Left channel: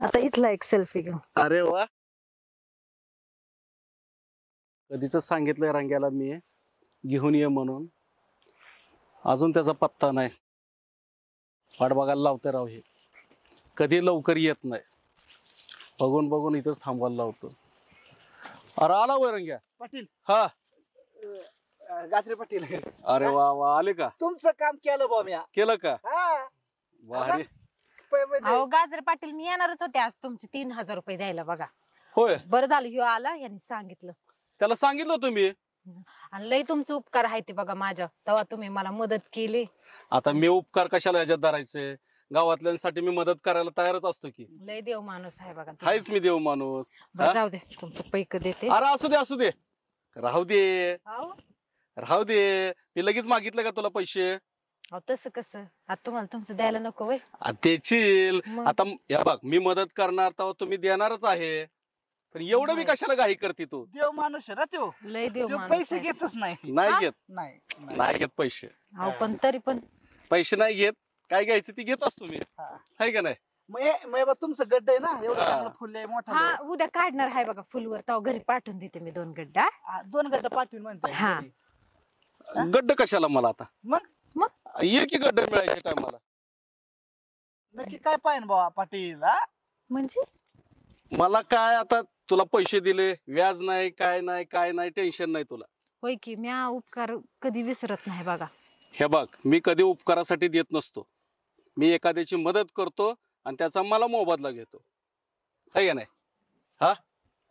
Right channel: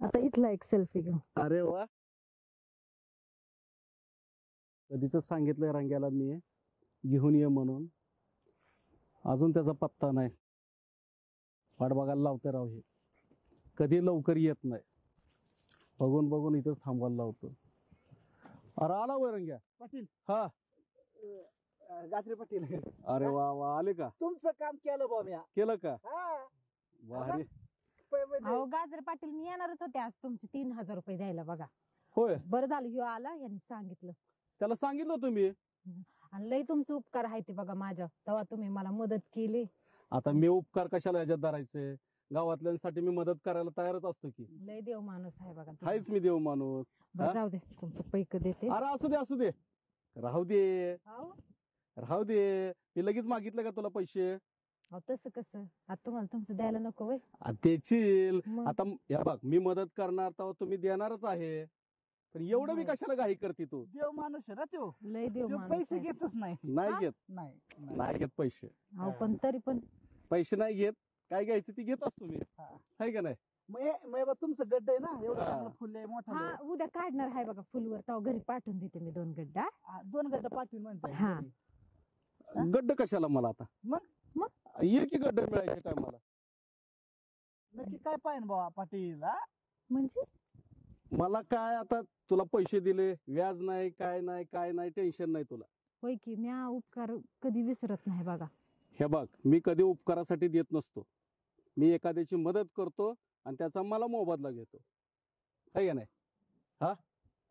आता इथला एक सेल्फी घेऊ. अरे वा, कधीच सांगितलंय रंग्याला मी घेऊन ये म्हणून, अजून त्याचा पत्ता नाही. वाट बघायला लावते राव, हे कधी लवकर येत नाही. बघून बघून इथंच थांबवायला लावतो. अरे आला वय रंग्या पाटील. हा गाजरे पाटील. अरे वा वा, आले का? तुमचं काम केलं बा मी. केलं का? हा. भारी. अहो गाजरे पाटील, मी येणारच होते आज तुमचे 3000 रुपये द्यायला. बघा होय, बरं झालं ह्यो आला, यांनी सांगितलं. त्याला सांगितलं तुम्ही. आणि लय तुमचे उपकार आहे ते बघा माझ्या, तेव्हा तुम्ही मला मदत केली. आता मी उपकार कशाला याच्यात धरायचे? गावातल्यांसाठी मी मदत करायला तयारच असतो की. लय देव माणूस आहे बघा तुम्ही. हायच मी देव माणूस. बरं जाऊ दे, तुमचं पैक देते. अरे असू दे असू दे, राहू दे अहो राहू दे. मी लगेच मागितलं का तुला पैसे? तसं कसं, आता तुम्हाला तुमचं द्यायला नको वय? देशील. मग? आता या बघ, मी मदत करणार तेव्हा तुम्ही देणारच आहे, पण एवढं मी कशाला घाई करते तू? देव माणूस आहे ना तो. लय देव तो माणूस पैसे आहे. घेतच नाही. नाही घेत, नाही नाही घेत पैसे. अहो पण तरी पण पैसे नाही घेत. काय घ्यायचं ती घेत असतो मी, हा. आहे का नाही? मग तुमचं गड्ड आहे ना, एवढं हा. चांगलं फुल आहे मोठा. हा उद्या काढणार आहे बघा फुलवर, तेव्हा घरी पाठवून देते मी 2 गड्डा. 2 गड्ड पाठवून म्हणताय. हा. गड्ड कशाला मला आता? मग ये की गड्ड मिळायच्या टायमाला. नक्की काय पाहिजे बाबा पाटील? हा? म्हणजे मला काय आता, तुला पैसे दिले, व्याज नाही, काय नाही, काय नाही, टेन्शन नाही तुला. होय की, मी हा उपकार कधी विसरत नाही बघा. हे बघ, मी कधी उपकारासाठी देत नसतो. मी एखाद्याची मदत करतो आणि त्याचा मला मोबदला घेतो, आहे का नाही? हा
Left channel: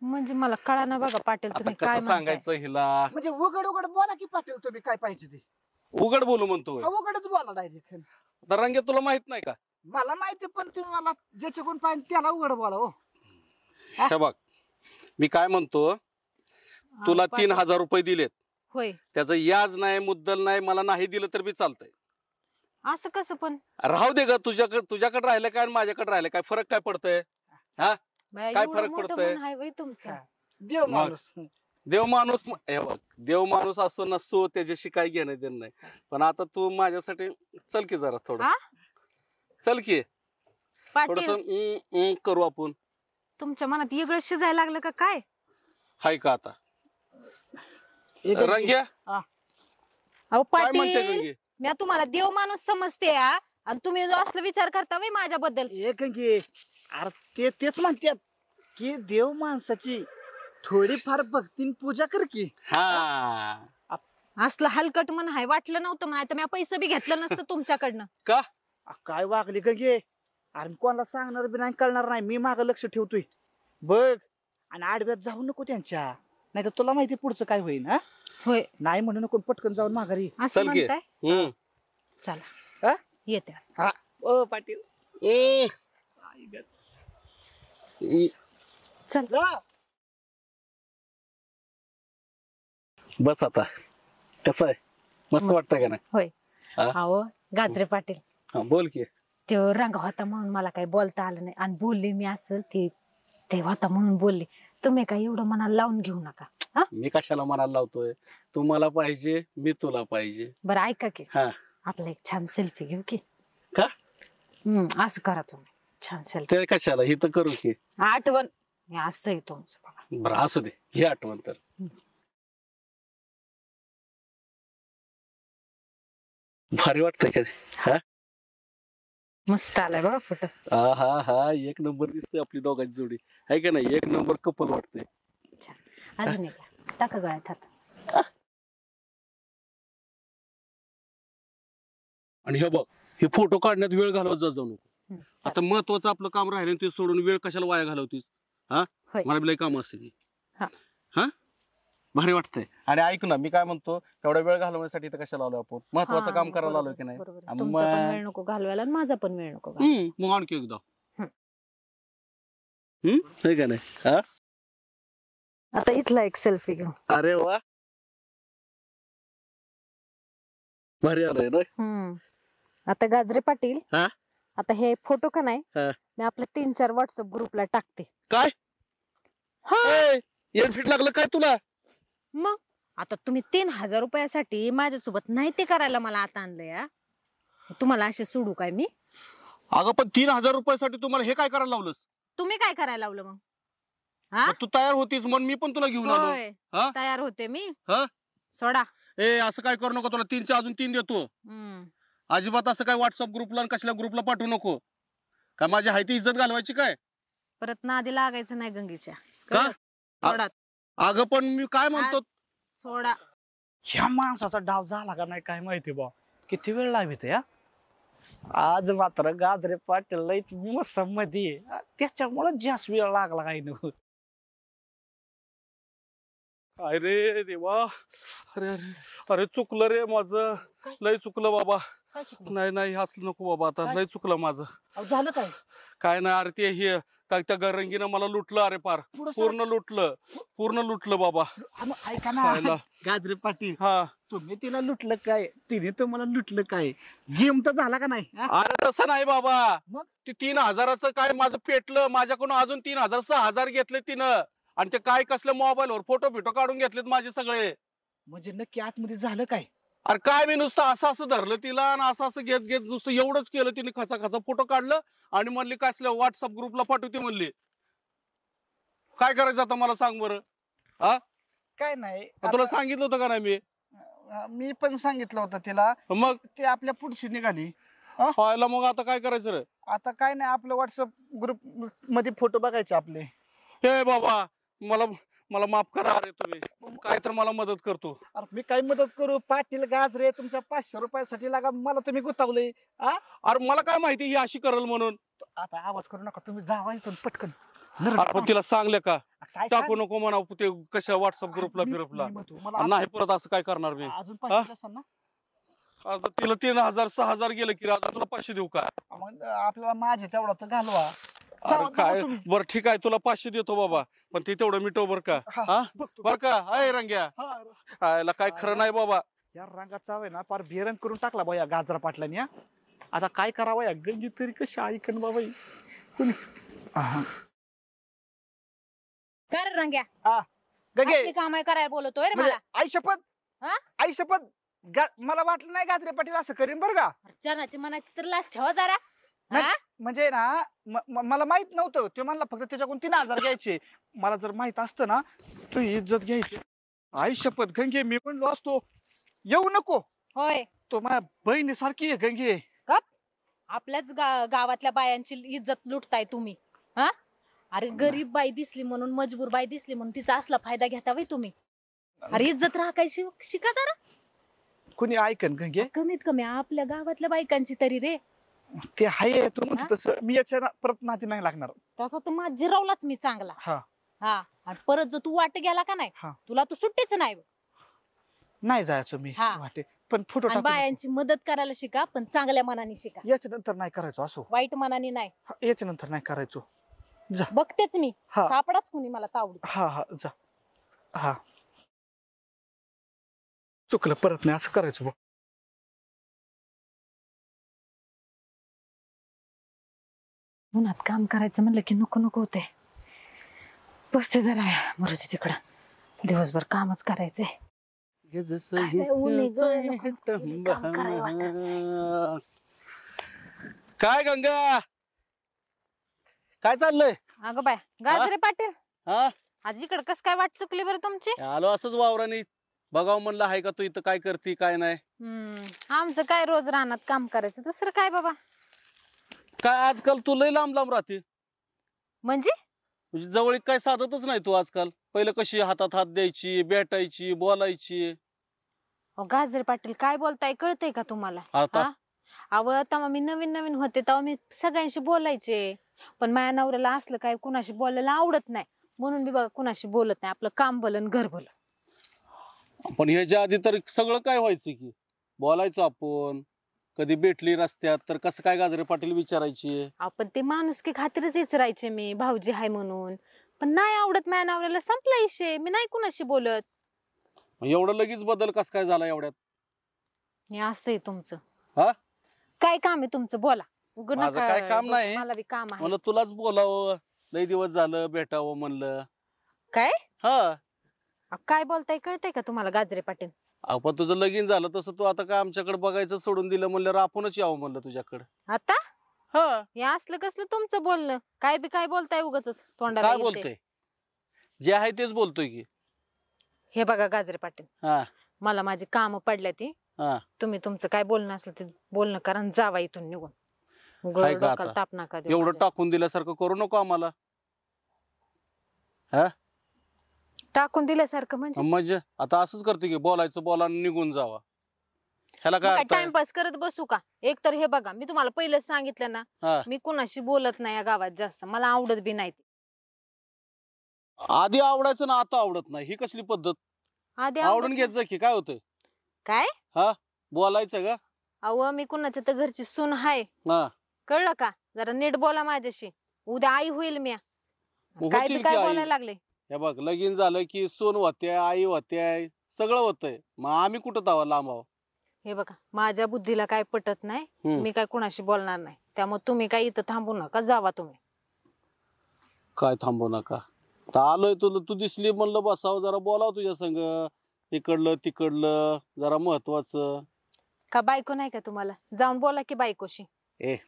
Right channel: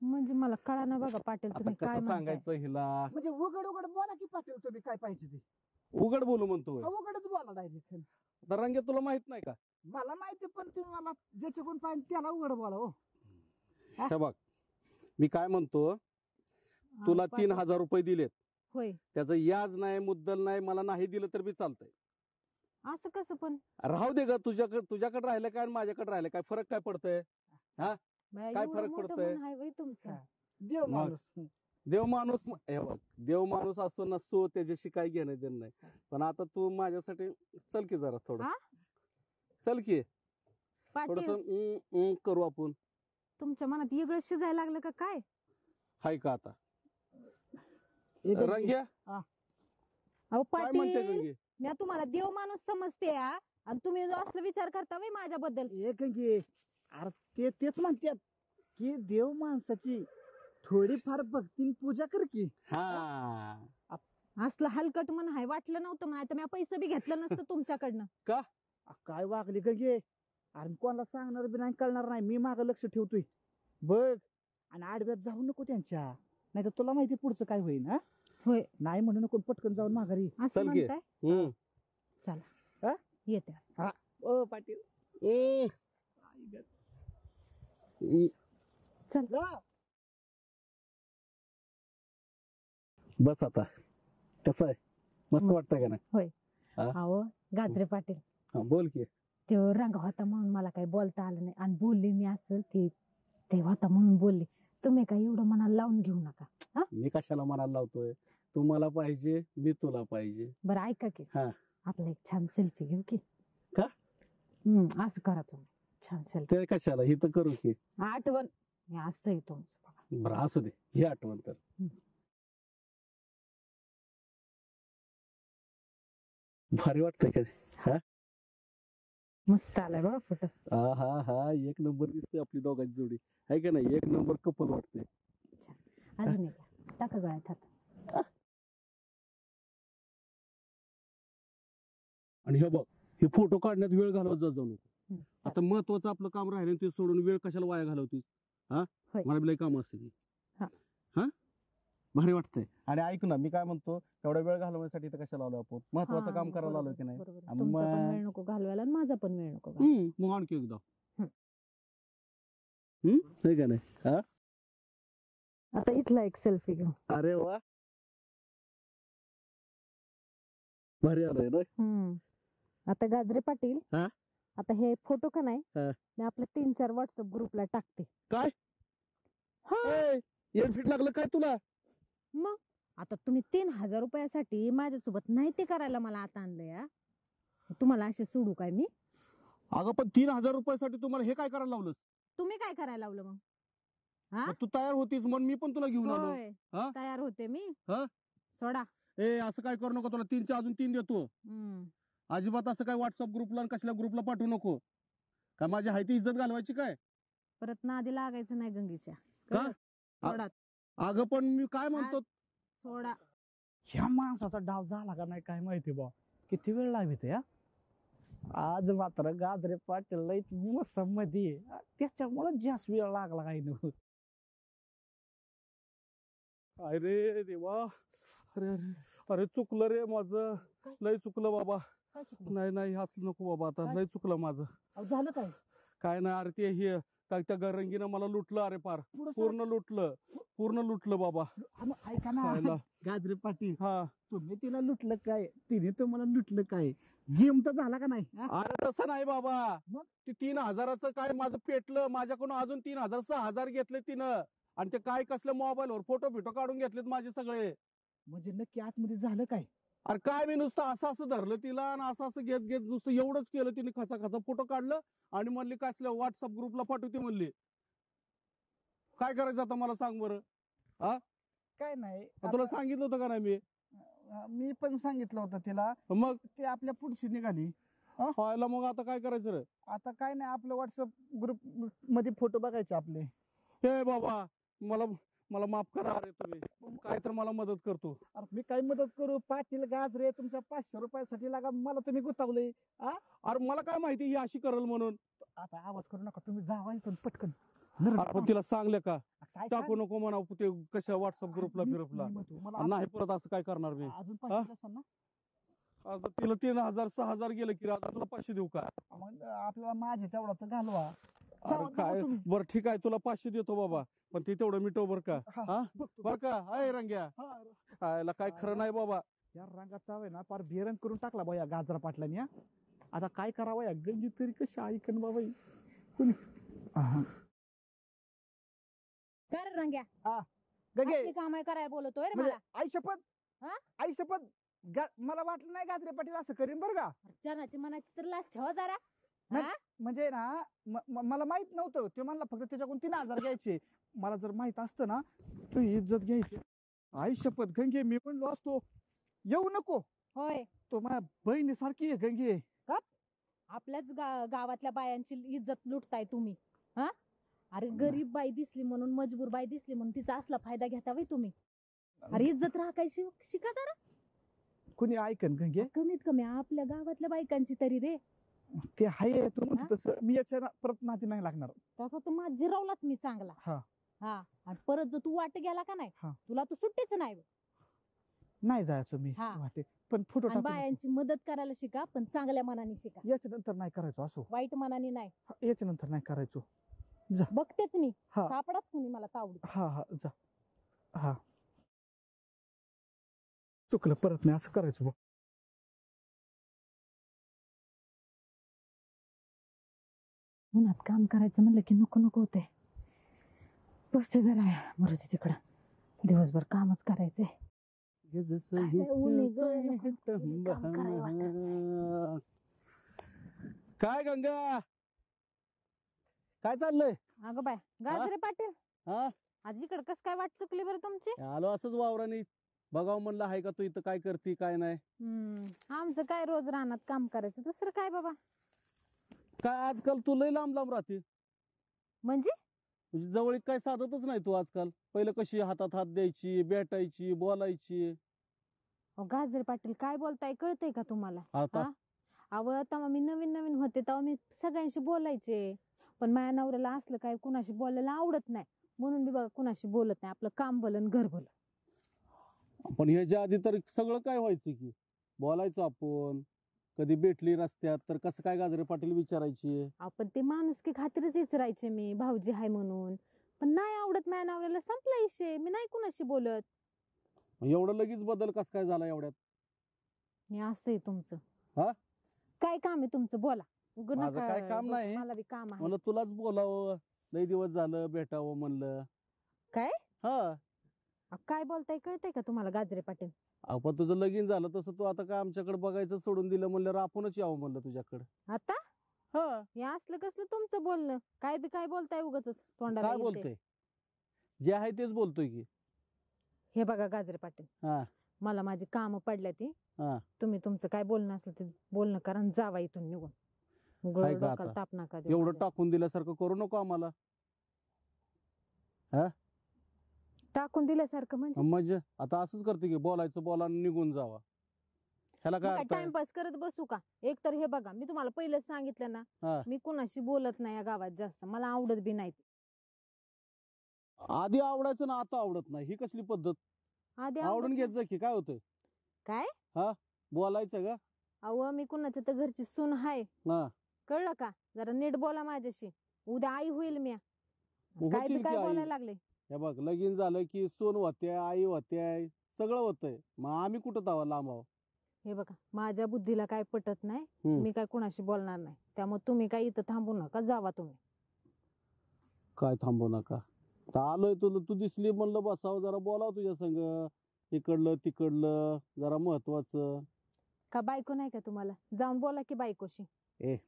म्हणजे मला कळा ना बघा पाटील, आता तुम्ही कसं काय सांगायचं हिला? म्हणजे उघड उघड बोला की पाटील, तुम्ही काय पाहिजे ते. उघड बोलू म्हणतोय. उघडच बोला डायरेक्ट. आता रंग्या तुला माहित नाही का? मला माहिती, पण तुम्ही मला ज्याचे कोण पाहिजे त्याला उघड बोला. हो हे बघ, मी काय म्हणतो, तुला 3000 रुपये दिलेत, होय. त्याचं याज नाही, मुद्दल नाही, मला नाही दिलं तर बी चालतंय. असं कसं पण? राहू दे ग, तुझ्याकडे राहिलं काय आणि माझ्याकडे राहिलं काय, फरक काय पडतंय? बाया, काय एवढं फरक मोठं पडतंय? मन आहे होय तुमचं. देव माणूस. देव माणूस, हे बघ, देव माणूस असतो नसतो त्याच्याशी काय घेणं देणं नाही. पण आता तू माझ्यासाठी चल की जरा थोडं, हा? चल की थोडस पाटील करू आपण. तुमच्या मनात वेगळं शिजायला लागलं का काय? हाय का आता? एक- रंग्या अहो काय म्हणते पाटील, गंगे? मी तुम्हाला देव माणूस समजते हा, आणि तुम्ही जो असला विचार करता वय माझ्याबद्दल. एक घे. अरे तेच म्हणतात की देव माणसाची थोडीफार भक्तीन पूजा कर की. हा असलं हलकट मन आहे, वाटलं नव्हतं मला, तर मी पैसे बी घेतलं नसतं तुमच्याकडनं. का? काय वागली का घे. अरे कोणाला सांगणार बी नाही, कळणार नाही. मी माग लक्ष ठेवतोय बघ, आणि आडव्यात जाऊ नको त्यांच्या, नाही तर तुला माहिती पुढचं काय होईल. हा होय नाही म्हणू नको, पटकन जाऊन माघारी. असं चल की. म्हणताय? चला हा? येते. हा ओ पाटील चल. जा. बस आता, कसं आहे, मस्त मस्त. वाटतंय का नाही? होय. हा? अहो गाजरे पाटील, हा, बोल की. तो रंग होता म्हणून मला काही बोलता आलं नाही, आणि बोलले मी असं ते होता म्हणून बोलले. तुम्ही काय एवढं मनाला लावून घेऊ नका. हा मी कशाला मनाला लावतोय? तू मला पाहिजे, मी तुला पाहिजे. बरं ऐका की, हा. आपला एक छान सेल्फी घेऊ की. का? असं करा तुम्ही, छान सेल्फी. ते कशाला, ही तर करू की. आठवण हे असं आहे तुमचं बघा. बरं असू दे, ही आठवण तर. भारी वाटतंय का? हा मस्त आलाय बघा फोटो. हा हा हा, एक नंबर दिसते आपली दोघांची जोडी, आहे का नाही? एक नंबर कपल वाटतंय. अजून एक टाका गळ्यात हात. आणि हे बघ, हे फोटो काढण्यात वेळ घालवत जाऊ नको. चालेल. आता महत्वाचं आपलं काम राहिलं, ते सोडून वेळ कशाला वाया घालवतीस? हा, होय. मला बिलाई काम असते ती. हा. हा, भारी वाटतंय. आणि ऐक ना, मी काय म्हणतो, एवढा वेळ घालवण्यासाठी तर कशाला आलो आपण? महत्वाचं हा, काम करायला आलोय बरोबर, की नाही? बरोबर. आणि तुमचा पण मग- वेळ नको घालवायला आणि माझा पण वेळ नको घालवायला. मग आणखी एकदा. हम्म. आहे का नाही? हा, आता इथला एक सेल्फी घेऊ. अरे वा, भारी आलंय ना. आता गाजरे पाटील, हा? आता हे फोटो का नाही, हा. मी आपल्या 3-4 व्हॉट्सअप ग्रुपला टाकते. काय? फिट लागलं काय तुला? मग आता तुम्ही 3000 रुपयासाठी माझ्यासोबत नाही ते करायला मला आता आणलंय, तुम्हाला असे सोडू काय मी? अगं पण 3000 रुपयासाठी तुम्हाला हे काय करायला लावलंस? तुम्ही काय करायला लावलं मग? हा मग तू तयार होतीस म्हणून मी पण तुला घेऊन आलो. होय, हा? तयार होते मी. हा? सोडा. ए असं काय करू नको, तुला 3च्या अजून 3 देतो. हम्म. अजिबात असं काय व्हॉट्सअप ग्रुपला आणि कसल्या ग्रुपला पाठवू नको. काय माझी हायती इज्जत घालवायची काय? परत नादी लागायचं नाही गंगेच्या. का? कळलं? सोडा. अगं पण मी काय म्हणतो, सोडा. ह्या माणसाचा डाव झाला का नाही काय माहिती बा. किती वेळ लावित या. आज मात्र गाजरे पाटील लई मोसम मध्ये त्याच्यामुळे जास्त वेळ लागला काही नको. अरे देवा, अरे अरे अरे चुकलं रे माझं, लय चुकलं बाबा. नाही नाही असलं नको बाबा, आता लय चुकलं माझं. झालं काय? काय नाही अरे, ते हे काय त्या गरंगीनं मला लुटलं अरे, पार पूर्ण लुटलं बाबा. ऐका ना खायला. गाजरे पाटील, हा तुम्ही तिला लुटलं काय, तिने तुम्हाला लुटलं काय? गेम तर झाला का नाही? हा? अरे तसं नाही बाबा, मग? ते 3,000चं काय माझं पेटलं, माझ्याकडून अजून 3,000 6,000 घेतले तिनं. आणि ते काय कसल्या मोबाईलवर फोटो बिटो काढून घेतलेत माझे सगळे. म्हणजे नक्की आतमध्ये झालं काय? अरे काय, मी नुसतं असं धरलं तिला आणि असं घेत घेत नुसतं एवढंच केलं. तिने खचा फोटो काढलं आणि म्हणली कसल्या व्हॉट्सअप ग्रुपला पाठवते म्हणली. काय करायचं आता मला सांग बरं. काय नाही, तुला सांगितलं होतं का नाही मी? मी पण सांगितलं होतं तिला. मग ते आपल्या पुढची निघाली. व्हायला मग आता काय करायचं रे? आता काय नाही, आपलं व्हॉट्सअप ग्रुप मध्ये फोटो बघायचे आपले. हे बाबा, मला माफ करा अरे, तुम्ही काय तर मला मदत करतो. अरे मी काय मदत करू? पाटील गाजरे तुमच्या 500 रुपयासाठी लागा मला तुम्ही गुतावले. अरे मला काय माहिती ही अशी करल म्हणून. आता आवाज करू नका, तुम्ही जावा इथून पटकन. अरे पण तिला सांगले का काय टाकू नको म्हणा ते कशा व्हॉट्सअप ग्रुपला फिरपला. नाही परत असं काय करणार मी. अजून 500 असेल ना? आता तिला 3,000 6,000 गेलं की आता तुला 500 देऊ का? मग आपल्याला माझे तेवढा तर घालवा. अरे काय, बरं ठीक आहे तुला 500 देतो बाबा, पण ते तेवढं मिटव बर का. हा बर का? अय रंग्या, याला काय खरं नाही बाबा. या रंगाचा आहे ना पार बेरंग करून टाकला बा या गाजरा पाटलाने. आता काय करावं या गंगी तरी कशी ऐकन बाबा कोणी. कर रंग्या. गंगे असली कामं करायला बोलतोय रे म्हणजे मला. आई शपथ, हा? आई शपथ, मला वाटलं नाही गाजरे पाटील असं करीन बरं का. चरणाची मनाची तर लाच ठेवा जरा. नाही. हा? म्हणजे ना मला माहित नव्हतं. ते म्हणला फक्त त्याच्याकडून 3,000 घ्यायचे. मला जर माहित असतं ना तू इज्जत घ्यायची. आई शपथ गंगे, मी म्हणलो असतो येऊ नको. होय, तो माझ्या बहिणीसारखी आहे गंगे. आपल्याच गावातल्या बायांची इज्जत लुटताय तुम्ही. हा? अरे गरीब बाई दिसली म्हणून, मजबूर बाई दिसली म्हणून तिचा असला फायदा घेता बाई तुम्ही. अरे इज्जत राखायची शिका जरा. कुणी ऐकन गंगे? कमीत कमी आपल्या गावातल्या बायकांची तरी रे. ते आहे तू म्हणतो तसं. मी याच्या परत नाती नाही लागणार. तसा तर माझ जिरवलाच मी चांगला. हा आणि परत जर तू वाट गेला का नाही, हा. तुला तू सुट्टीच नाही. नाही जायचं मी हा. वाटे. पण फोटो आणि टाकू नको. बायांची मदत करायला शिका, पण चांगल्या मनाने शिका, याच्या नंतर नाही करायचो असो. वाईट मनाने नाही. याच्या नंतर नाही करायचो. बघतेच मी. हा. सापडाच कुणी मला तावडी. हा जा. हा चुकलं, परत नाही असं करायचं बघ. उन्हात काम करायचं म्हणलं की नको नको होते. बसते जरा मरुदे तिकडं, दिवसभर कामच करायचंय. काय गंगा, काय चाललंय? अगं बाय गाजरे पाटील, हा आज इकडं कस काय वाट चुकली बरं तुमची? आलो असंच वावराने बघावं म्हणलं, आहे का तू इथं, काय करती काय नाही. आमचं काय रोज रानात काम करायचं, दुसरं काय बाबा. काय आजकाल तू लय लांब लांब राहते. म्हणजे जवळ काय साधतच नाही तू आजकाल. पहिलं कशी हातात हात द्यायची, भेटायची, बोलायची. गाजरे पाटील काय बोलताय, कळतंय का तुम्हाला? आता अव तेव्हा मी नवीन नवीन होते तेव्हा मी सगळ्यांशी बोलायचे, पण माझ्या नवऱ्याला असलं काय कुणाशी बोलायला आवडत नाही, म्हणून मी बघा कुणाशी बोलत नाही. आपलं काम भलं घर भलं. पण ह्याच्या आधी तर सगळं काय व्हायचं की बोलायचो आपण. कधी भेटली रस्त्यात तर कसं काय गाजरे पाटील विचारायची. आपण ते माणुसकी खातीरच विचारायचे मी, भाऊजी हाय म्हणून. पण नाही आवडत माझ्या नवऱ्याला, संपला विषय. मी नाही कुणाशी बोलत. एवढं लगेच बदल कस काय झाला एवढ्यात? हे असं आहे तुमचं. हा? काय काम आहे तुमचं, बोला. माझं काय काम नाही, मला बी काम आहे. मला तुलाच बोलावं, लय दिवस झालं भेटावं म्हणलं. काय हा काय बोलताय, कळतंय का तुम्हाला गाजरे पाटील? आपण तुझं लगीन झालं तसं तू आता काय आमच्याकडे बघायचं सोडून दिलं म्हणलं, आपणच यावं म्हणलं तुझ्याकडे. आता हा हे असलं कसलं तुमचं बोलणं? काय बी काय बोलताय उगाच तोंडाला काय येईल ते. बोलतोय? जे आहे तेच बोलतोय की. हे बघा गाजरे पाटील, हा मला माझी काम पडल्या ती. हा तुम्ही तुमचं काय बोलणं असलं ते बोलणं करा आणि जावा इथून निघून. काय का डोक्याला आता? ताप नका देऊ एवढं माझ्या. टाकून दिल्यासारखं करू नको आम्हाला. टाकून दिल्यासारखं म्हणजे म्हणजे आता असंच करतो की बोलायचं बोला आणि निघून जावा. ह्याला काय अर्थ आहे? टाइमपास करत बसू का? एक तर हे बघा, मी तुम्हाला पहिलेच सांगितलं ना, हा. मी कुणाशी बोलत नाही या गावात जास्त, मला आवडत बी नाही. आधी आवडायचं ना आता आवडत नाही, ही कसली पद्धत? आधी आवडून आवडत घेत जा की, काय होतंय? काय? बोलायचं का? अहो मी कुणाच्या तर घरची सून हाय, हा कळलं का? जरा नीट बोला माझ्याशी, उद्या आई होईल मी. मग काय होशील बी की काय आई. बोलायला लागले? हे बघ, लगीन झालं की सून होते, आई होते, सगळं होतंय. मग आम्ही कुठं तावा लांब आहो? हे बघा, माझ्या बुद्धीला काय पटत नाही, हम्म. मी काय कुणाशी बोलणार नाही. त्यामुळे तुम्ही काय इथं थांबू नका, जावा तुम्ही. काय थांबू नका? तर आलोय तुला, तू दिसली म्हणलं बसावं जरा बोलावं तुझ्या संग. इकडलं तिकडलं जरा महत्वाचं. का बायको नाही का तुम्हाला? जाऊन बोला की बायकोशी.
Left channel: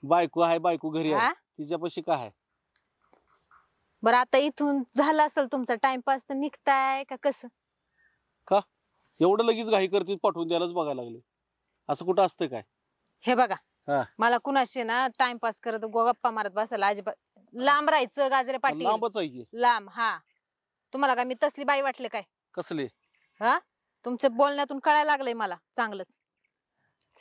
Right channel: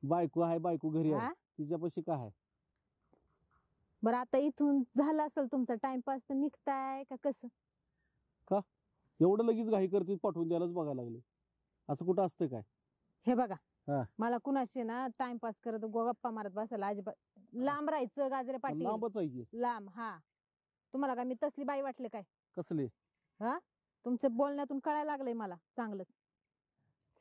बायको आहे, बायको घरी आहे. हा? तिच्यापाशी काय आहे? बरं आता इथून झाला असेल तुमचा टाइमपास, तर निघताय का कसं? एवढं लगेच घाई करते, पाठवून द्यायलाच बघायला लागले. असं कुठं असतं काय? हे बघा, हा. मला कुणाशी ना टाइमपास करत गप्पा मारत बसायला अजिबात, लांब राहायचं गाजरे पाटील. लांबच आहे की. लांब. हा, तुम्हाला काय मी तसली बाई वाटले काय? कसले? तुमच्या बोलण्यातून कळायला लागलंय मला चांगलंच.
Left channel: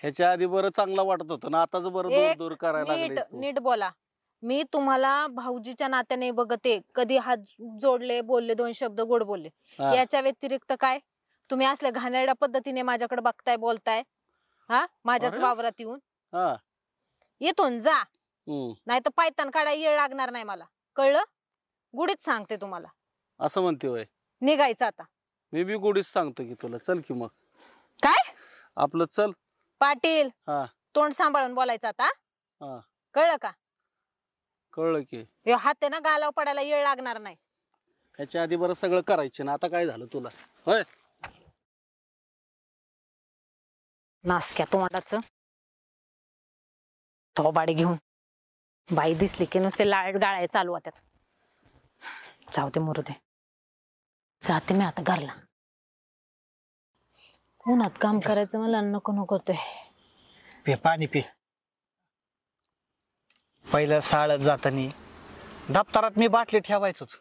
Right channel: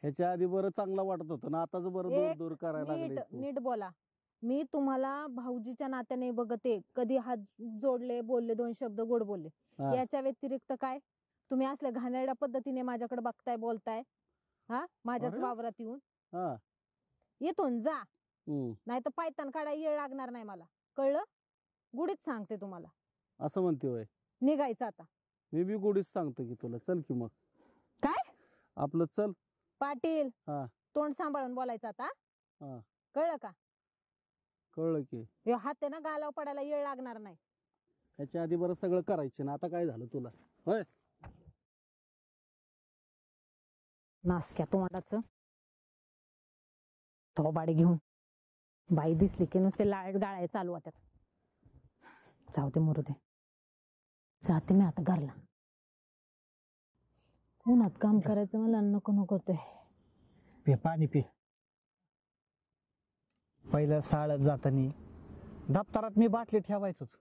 ह्याच्या आधी बरं चांगलं वाटत होतं ना, आताच बरं दूर एक दूर करायला नीट लागलेस तू. नीट बोला. मी तुम्हाला भाऊजीच्या नात्याने बघते, कधी हात जोडले, बोलले, 2 शब्द गोड बोलले. हा. याच्या व्यतिरिक्त काय तुम्ही असल्या घाणेरड्या पद्धतीने माझ्याकडे बघताय, बोलताय? माझ्याच अरे. वावरात येऊन. हा. इथून जा, हम्म. नाही तर पायतान काढायला येळ लागणार नाही मला, कळलं? गुढीच सांगते तुम्हाला. असं म्हणते होय? निघायचं आता. मी बी गोडीच सांगतो की तुला, चल की मग. काय? आपलं चल. पाटील, हा. तोंड सांभाळून बोलायचं आता. हा. कळलं का? कळलं की. हे हात आहे ना, गालाव पडायला येळ लागणार नाही. ह्याच्या आधी बरं सगळं करायचं ना, आता काय झालं तुला? होय. नासक्या तोंडाचं थोबाडे घेऊन बाई दिसली की नुसते लाळ गाळाय चालू होत्यात. जाऊ दे, मरू दे, जाते मी आता घरला. उन्हात काम करायचं मला नको नको होतंय. पे पाणी पे. पहिलं शाळेत जाताना दप्तरात मी बाटली ठेवायचोच.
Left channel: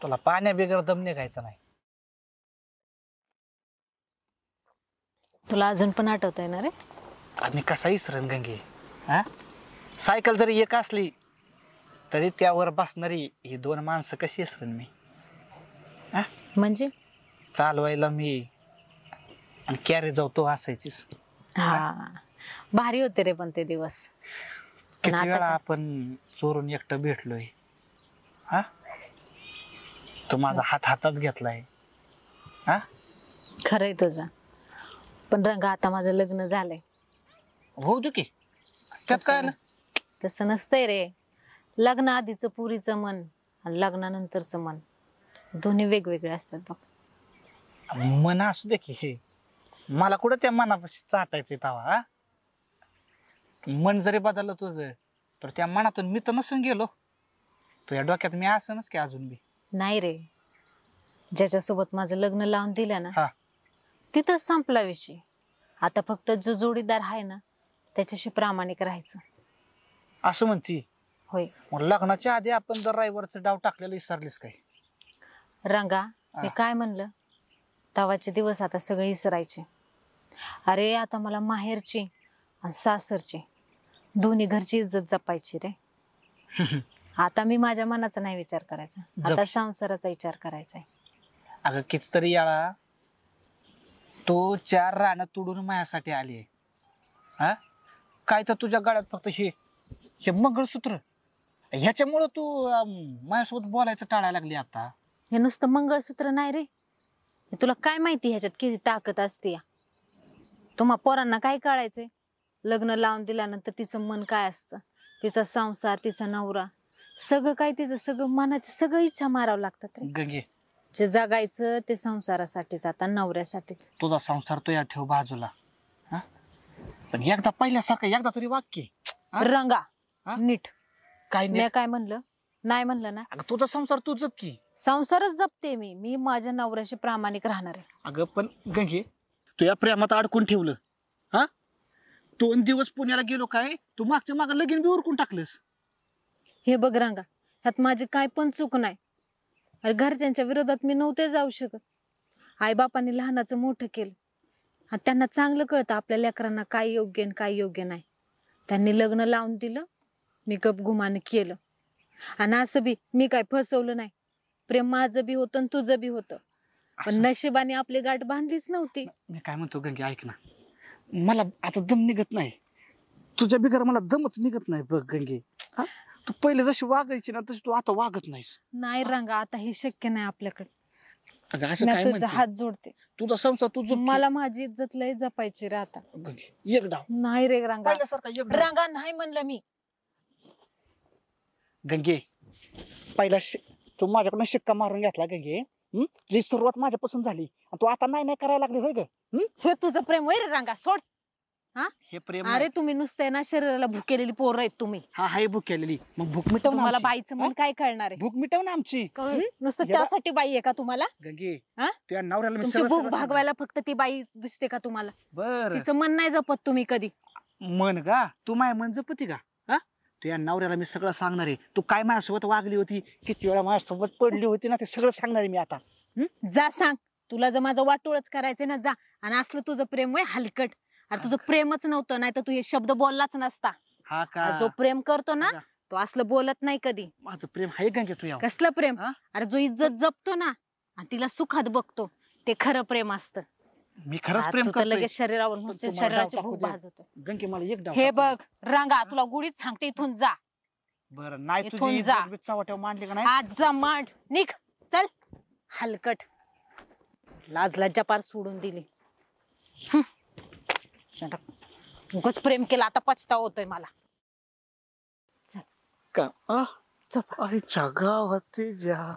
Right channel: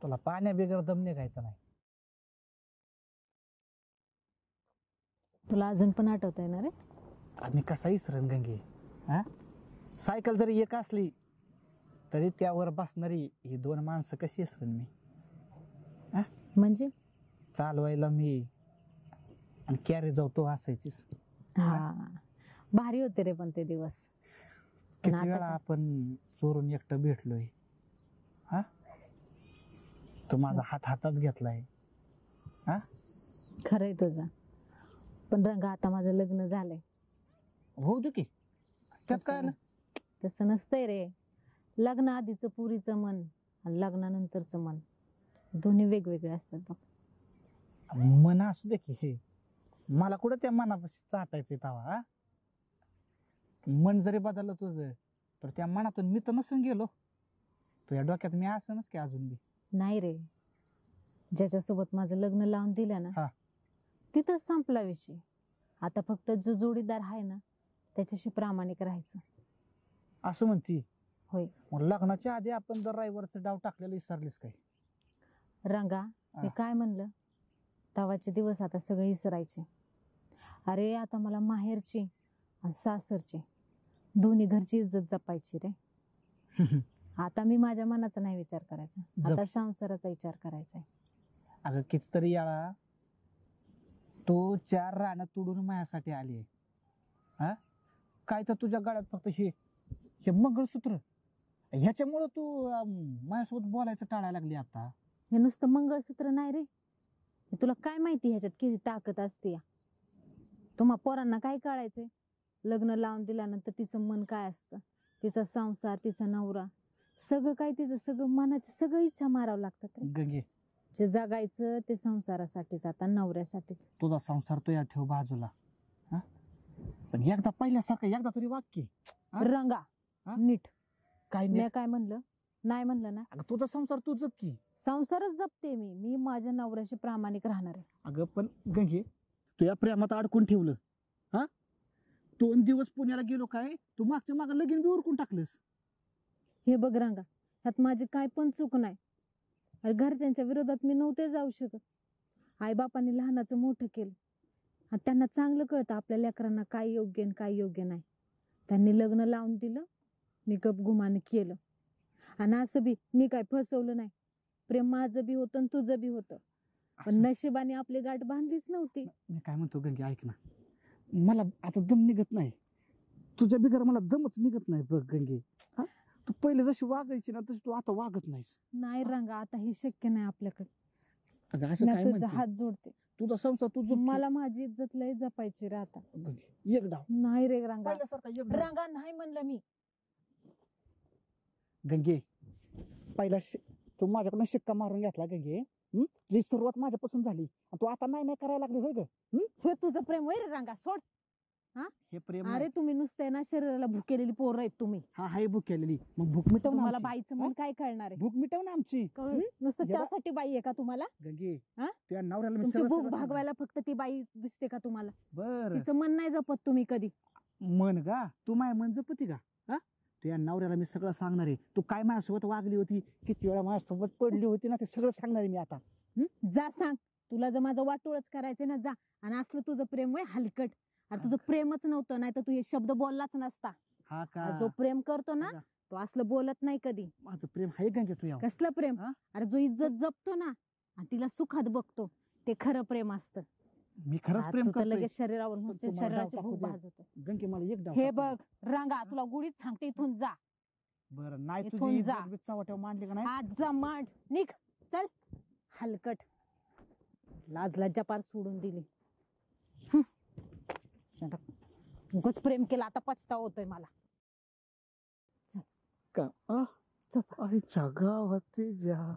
तुला पाण्या बिगर दम निघायचा नाही. तुला अजून पण आठवत आहे ना रे? आणि कसा इसरण गंगे. सायकल जरी एक असली तरी त्यावर बसणारी ही 2 माणसं कशी इसरण मी. म्हणजे चालवायला मी आणि कॅरी जाऊ तो असायचीस. हा, भारी होते रे पण ते दिवस. किती आता वेळा काय? आपण चोरून एकटं भेटलोय. तो माझा हात हातात घेतलाय. खरंय तुझं. पण रंगा, आता माझं लग्न झालंय. होऊ दे की, त्यात काय आलं? तसं नसतंय रे. लग्न आधीचं पुरीचं मन आणि लग्नानंतरचं मन दोन्ही वेगवेगळे असतात बघ. मन असू दे की. हे मला कुठं त्या मनापाशी चाटायचंय तवा. मन जरी बदललं तुझं तर त्या मनातून मी तर नसून गेलो. तुझ्या डोक्यात मी असनच की अजून बी. नाही रे, ज्याच्यासोबत माझं लग्न लावून दिलं ना, हा. तिथंच संपला विषय. आता फक्त जो जोडीदार आहे ना, त्याच्याशी प्रामाणिक राहायचं. असं म्हणती? होय. मग लग्नाच्या आधी आपण जर ड्रायव्हरचं डाव टाकलेलं विसरलीस काय? रंगा, मी काय म्हणलं? तवाचे दिवस आता सगळे विसरायचे. अरे आता मला माहेरची आणि सासरची दोन्ही घरची इज्जत जपायची रे. आता मी माझ्या मनाचा नाही विचार करायचा, आता जप. संसाराचा विचार करायचा आहे. अगं कितीतरी याळा तू 4 रानं तुडून माझ्यासाठी आली आहे. काय तर तुझ्या गळ्यात फक्त हे मंगळसूत्र, ह्याच्यामुळं तू माझ्यासोबत बोलायचं टाळायला लागली आता. हे नुसतं मंगळसूत्र नाही रे, हे तुला काय माहिती ह्याच्यात किती ताकद असते. तुम्हा पोरांना काय कळायचंय? लग्न लावून दिल्यानंतर तिचं मन काय असतं, तिचा संसार, तिचा नवरा, सगळं काय तिचं, सगळं मनाची सगळं इच्छा मारावं लागतात रे. गंगे, जे जगायचं ते संसारासाठीच, आता नवऱ्यासाठीच. तुझा संसार तो या ठेव बाजूला. पण एकदा पहिल्यासारखं एकदा तरी वाक्य. रंगा, हा? नीट. काय मी नाही काय म्हणलं? नाही म्हणलं ना. अगं तुझा संसार तू जप की. संसारच जपते मी माझ्या नवऱ्याशी प्रामाणिक राहणार आहे. अगं पण गंगे तू या प्रेमात अडकून ठेवलं. हा 2 दिवस पुण्याला गेलो काय तू मागच्या मागं लगीन बी उरकून टाकलंस. हे बघ रंगा, ह्यात माझी काय पण चूक नाही. अरे घरच्यांच्या विरोधात मी नव्हते जाऊ शकत. आईबापांनी लहानाचं मोठं केलं आणि त्यांना चांगलं कळतं आपल्या लेकरांना काय योग्य आणि काय योग्य नाही. त्यांनी लग्न लावून दिलं, मी गपगुमानं केलं. आणि असं बी मी काय फसवलं नाही. प्रेम माझं बी होतं आणि तुझं बी होतं, पण असं- नशिबाने आपली गाठ बांधलीच नव्हती. मी काय म्हणतो गंगे ऐक ना, मला आता दम निघत नाही. तुझ्या बिगर मला दमच निघत नाही बघ गंगे. हा तू पहिले जशी वागायची ना तशी तू आता वागत नाहीस. नाही रंगा, आता हे शक्य नाही आपल्याकडे. अगं असं मी काय तुझा म्हणते? हात जोडते. तुझा संसार तू जप की. मला माझी इज्जत लय जपायची रे आता. गंगे एक डाव नाही रे रंगा, पहिल्यासारखा एक डाव. रंगा नाही म्हणलं मी. गंगे पहिला तू माझ्याकडून शिक्का मारून घेतला गंगे. तुझी सुरुवात माझ्यापासून झाली आणि तू आता नाही नाही करायला लागली होय ग. हे तुझं प्रेम होय रे रंगा, सोड. हे प्रेम अरे तुम्ही नुसते ना शरीराला भुकेलेली पोरं आहेत तुम्ही. हा हाय भूक केलेली मग भूक मिटव ना तुम्हाला आमची. बाईचं मन काय कळणार आहे? भूक मिटव ना आमची. नुसतं हे बघ. त्यासाठी बाई आहे का तुम्हाला? गंगे हा? त्या नवऱ्याला मी तुमची सरळ भूक सरळ भागवायला फक्त ती बाई दिसते का तुम्हाला? बर तिचं मन नाही जपत तुम्ही कधी. मन का तू माय मन जपती का? हा तू या नवऱ्याला मी सगळं सांगणार आहे. तू काय माझ्यासोबत वागली होती, किती वेळा माझ्यासोबत पडली होती ना, ते सगळं सांगणार आहे मी आता. जा सांग. तुला जर माझं वाटोळच करायचंय ना, जा. आणि असलं तुझं प्रेम आहे हलकट. अरे तुझं प्रेमच नव्हतं, नाही तर तू हे शब्द बोललाच नसता. हा का जो प्रेम करतो ना अगं, तो असलं बोलत नाही कधी. माझं प्रेम आहे गंगे तू या. कसलं प्रेम? हा? अरे जो इज्जत जपतो ना आणि तिला सुखात बघतो ते खरं प्रेम असतं. मी खरंच हा, प्रेम तू तर करतोय. लगेच शरीरावर पण नुसते तू मला शरीराची डाव भूक टाकू दे. भाजवतो. गंगे मला एक डाव हे टाकू दे. बघ रंगा, तुला गुढीच सांगते, इथून जा. बरं नाही इथून तुझी जा. इज्जत बी चव्हाट्यावर मांडली का नाही. आज जा मांड, निघ, चल. हलकट, लाज लज्जा पार सोडून दिली. उगाच प्रेम केलं, आता पछतावा होतोय मला. का झोप. आईच्या गावात जा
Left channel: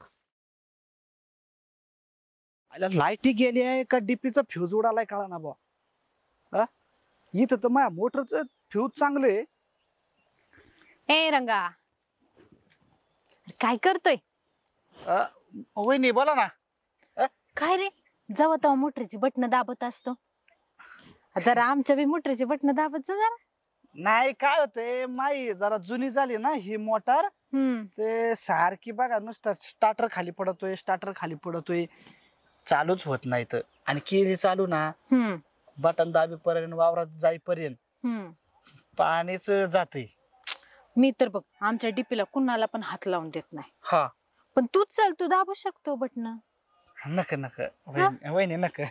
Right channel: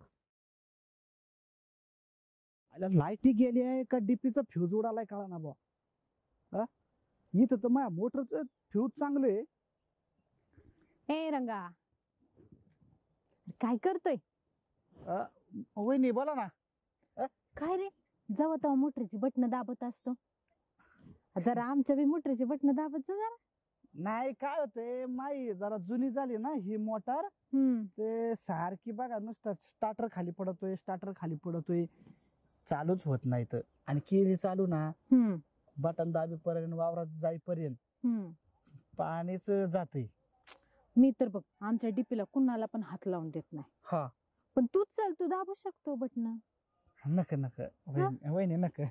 लाईटी गेली आहे का डीपीचा फ्यूज उडालाय कळा ना बा. इथं तर माझ्या मोटरचं फ्यूज चांगले. ए रंगा, काय करतोय? वहिनी बोला ना. काय रे, जेव्हा तेव्हा मोटरीची बटन दाबत असतो. जरा आमच्या बी मोटरीची बटन दाबत जा जरा. नाही काय होतंय माई जरा जुनी झाली ना ही मोटर. ते सारखी बघा नुसतं स्टार्टर खाली पडतोय, स्टार्टर खाली पडतोय, चालूच होत नाही तर. आणि केली चालू ना बटन दाबीपर्यंत वावरात जाईपर्यंत पाणीच जाते. मी तर बघ आमच्या डीपीला कुणाला पण हात लावून देत नाही. हा पण तूच चल, तू दाबू शकतो बटन. नक नक वहिनी नक.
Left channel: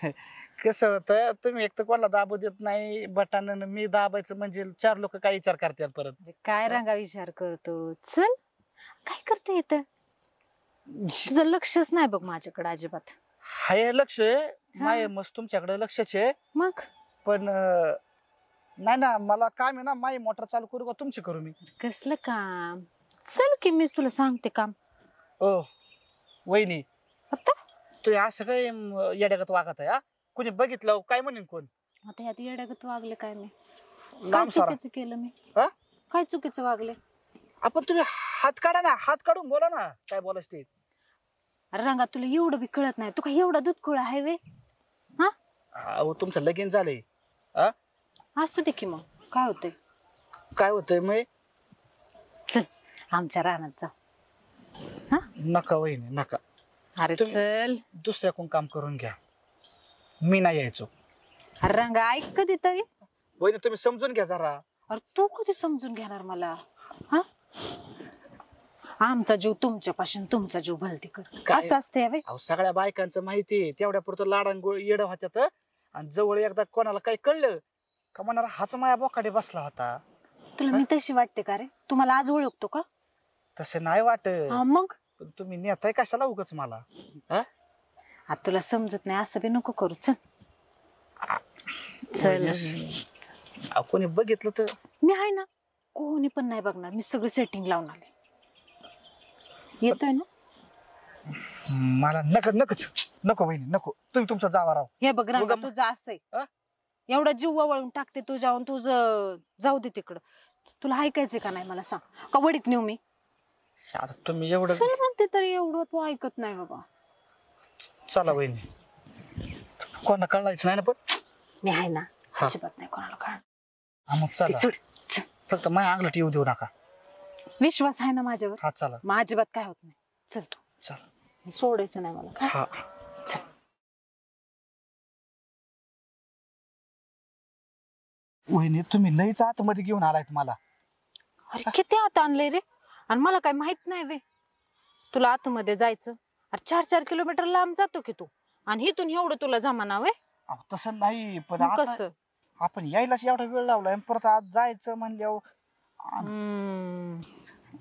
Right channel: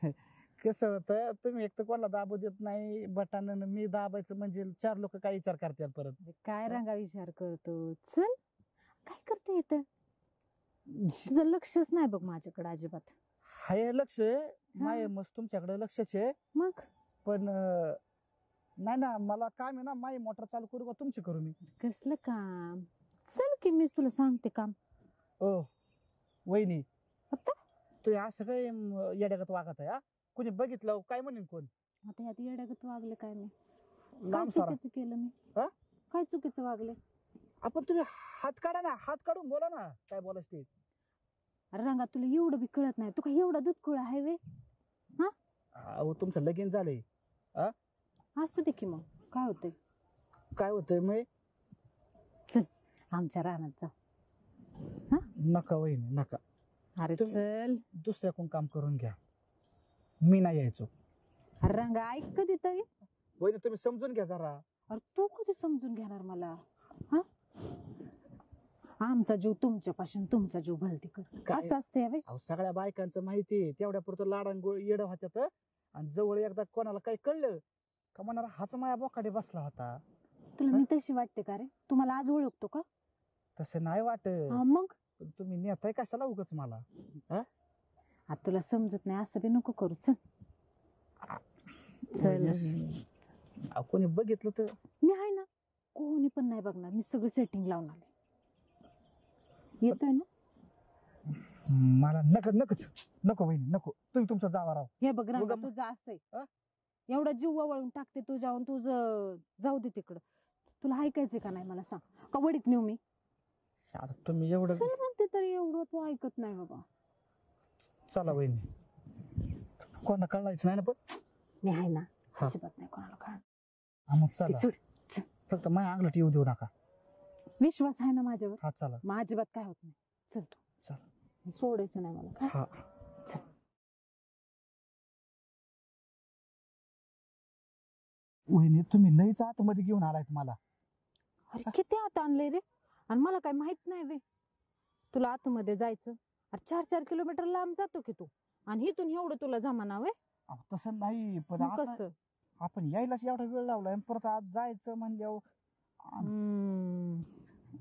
कसं होतं तुम्ही एक तर कोणाला दाबू देत नाही बटन, मी दाबायचं म्हणजे 4 लोक काय विचार करतात परत. काय रंगा विचार करतो? चल, काय करते इथं? तुझं लक्षच नाही बघ माझ्याकडे अजिबात. हाय लक्ष माय मस्त तुमच्याकडे लक्षच आहे. मग पण नाही ना मला काम आहे ना, माई मोटर चालू करू का तुमची करू मी? कसलं काम? चल की मीच तुला सांगते काम. ओ वहिनी आता तुम्ही असं काय येड्यागत वागत आहे? कोणी बघितलं काय म्हणेन कोण? आता यात येड्यागत वागले काय मी? काय लांब सारा. चुकीचं केलं मी? हा? काय चुकीचं वागले? आपण तुम्ही हात काढा ना, हात काढून बोला ना काय बोलायचं ते. अरे रंगा, तुला एवढं बी कळत नाही. तू काय एवढा दूध खुळा आहे वे? अहो तुमचं लगीन झालंय. असू दे की, मग काय होतंय? काय होतंय मग? चल आमच्या रानात जाऊ. नका वहिनी नका. अरे तुम्ही- चल. दुसऱ्या कोण काम करून घ्या, मी नाही यायचो. अरे रंगा ऐक कधी तरी. वहिनी तुम्ही समजून घ्या जरा. अरे तू कधी समजून घेणार मला? हा, आमचा जीव तुमच्यापासून, तुमचा जीव भलतीकडे. काय? असं असते वे. अहो सगळ्या बायकांचं माहिती आहे, तेवढ्या पुरतं लाडान गोळ येड होत्यात. आणि जवळ एकदा कोणाला काही कळलं का म्हणणार हाच माया बोकाडे बसला होता. तुला मी तशी वाटते का रे? तुम्हाला आज ओळखतो का? तसे नाही वाटत. हा मग पण तुम्ही नेताय कशाला उगाच मला? आता तुला समजत नाही असं बी नको करू. चल चल. अहो, कोणी बघितलं तर मी आहे ना, कोणी पण नाही बघणार. मी सगळं सेटिंग लावून आले. येतोय ना? मला नकच नको वहिनी नको. तुम्ही तुमचा जावा राव. हे बघ रंगा, उगा- तुझं असंय. हा? एवढा जीव वळून टाकते तुझ्याहून, तुझं जाऊ दे तिकडं. तुला ऐकायचंय का नाही मला सांग, का वडीत नेऊ मी? आता तुम्ही एवढं चल म्हणते तरी एवढं तू ऐकत नाही बाबा. चला वहिनी, कोणाला कळायचं नाही ना पण. मी आहे ना, हा. अजिबात नाही कोणाला कळणार. हा मग ती चला, सोड. चल. फक्त माझ्या अंगलट येऊ देऊ नका. विश्वास आहे ना माझ्यावर? हा चला मग अजिबात काय होत नाही. चल तू, चला. सोडायचं नाही मला काय? हा चल. वहिनी तुम्ही लईच आतमध्ये घेऊन आलायत मला. अरे किती आत आणलंय रे, आणि मला काय माहित नाही वे तुला आतमध्ये जायचं? अरे 4-4 किलोमीटर लांब जातो की तू, आणि इथून एवढं तुला जमाना वे? अहो, तसं नाही पण मग आता कसं? आपण यायलाच एवढा वेळ लावलाय आणि परत आज जायचं म्हणल्यावर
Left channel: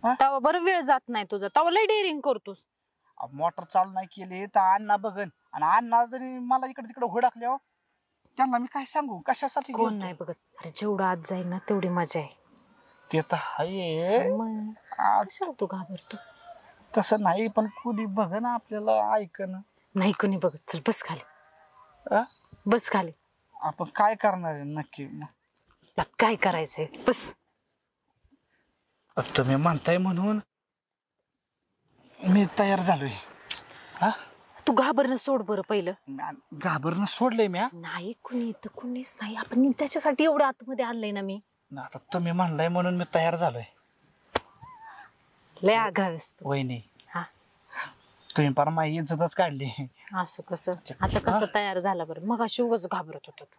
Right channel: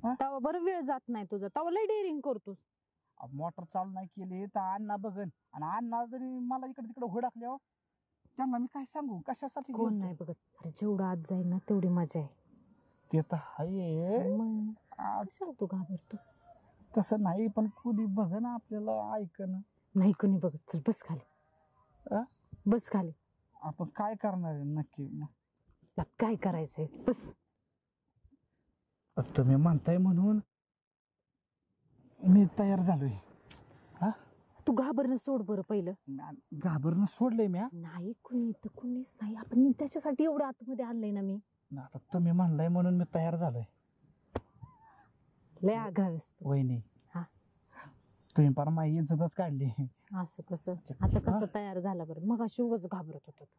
हा? तवा बरं वेळ जात नाही तुझा, तवा लय डेअरिंग करतोस. मोटर चालू नाही केली तर अण्णा बघन, आणि अण्णा जरी मला इकडे तिकडे हुडाकल्यावर त्यांना मी काय सांगू कशासाठी कोण गेलतो? नाही बघत. अरे जेवढं आत जाईल ना तेवढी मजा आहे. ते तर आहे. मग आज कशाला तू घाबरतो? तसं नाही पण कुणी बघन आपल्याला ऐकन. नाही कुणी बघत. चल बस खाली. आ? बस खाली. आपण काय करणार आहे नक्की मग? तुला काय करायचंय बस. तुम्ही म्हणताय म्हणून मी तयार झालोय. हा तू घाबरणं सोड बरं पहिलं. घाबरणं सोडलंय मी. नाही कुणी तर कुणीच नाही. आपण त्याच्यासाठी एवढं आतमध्ये आणलंय ना मी. आता तुम्ही म्हणलाय म्हणून मी तयार झालोय. लय आघावेस तू. वहिनी हा. तुम्ही पर माझी इज्जतच काढली. असं कसं? आता कसं तयार झाला बरं? मग अशी उगाच घाबरत होता तू.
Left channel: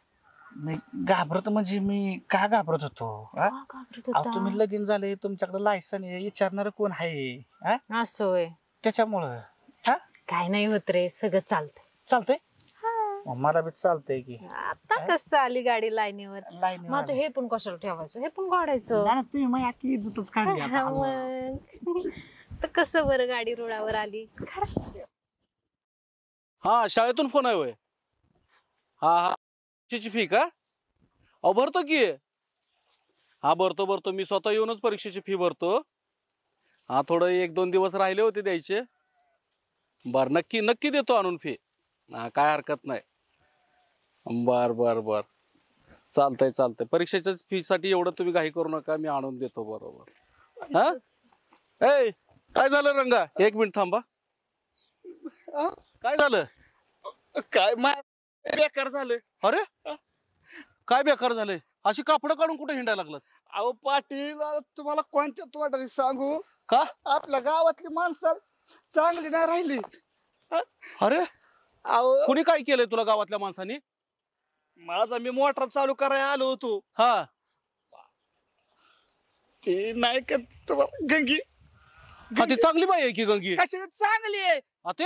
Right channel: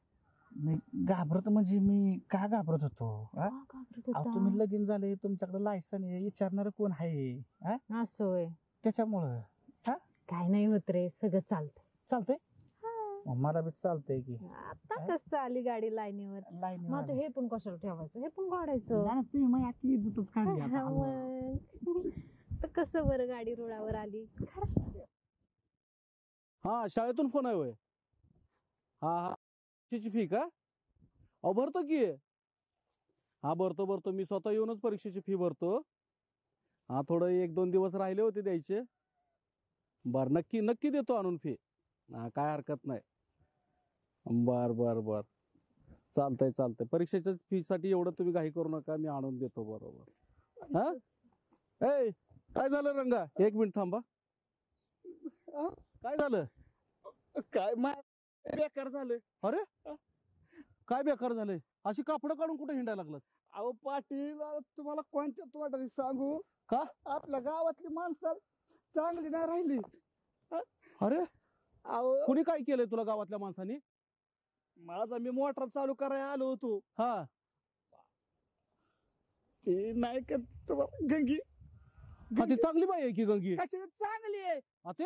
मी घाबरत म्हणजे मी का घाबरत होतो? का घाबरत अहो, होता? तुम्ही लगीन झाले, तुमच्याकडे लायसन आहे, विचारणार कोण आहे? हा? असं होय. त्याच्यामुळं काय नाही होत रे, सगळं चालतंय. चालतंय. मग मला बी चालतंय की. आता कसं आली गाडी लाईनीवर? लाईन मग आता हे पण कशाला ठेवायचं? हे पण काढायचं. तुम्ही माझी अख्खी इज्जतच काढली हा, आता. मग तर कसं बरं गाडी रुळावर आली? हा शाळेतून फोन आहे होय? हा हा परीक्षेची फी का? अहो भरतो की. हा भरतो मी स्वतः येऊनच परीक्षेची फी भरतो. हा थोडं 1-2 दिवस राहिले होते द्यायचे. बर नक्की नक्की देतो आणून फी. हा काय हरकत नाही. बर चालतंय. परीक्षेच्या फी साठी एवढं तुम्ही घाई करू नका, मी आणून देतो बरोबर. हा ए काय झालं रंगा? 1 मिनिट थांबा. काय झालं? काय बेकार झालं. अरे काय बेकार झालंय? अशी कापडं काढून कुठे हिंडायला लागलास? अहो पाटील, तुम्हाला कोणत्या तोंडाने सांगू? का? आपल्या गावातली माणसं चांगली नाही राहिली. अरे अहो कुणी काय केलंय तुला गावातल्या माणसानी? मी मोटर चालू करायला आलो होतो. हा ते नाही का तुम्हाला गंगी हा ती चांगली बाई आहे की गंगी. कशी चांगली आहे? हा ते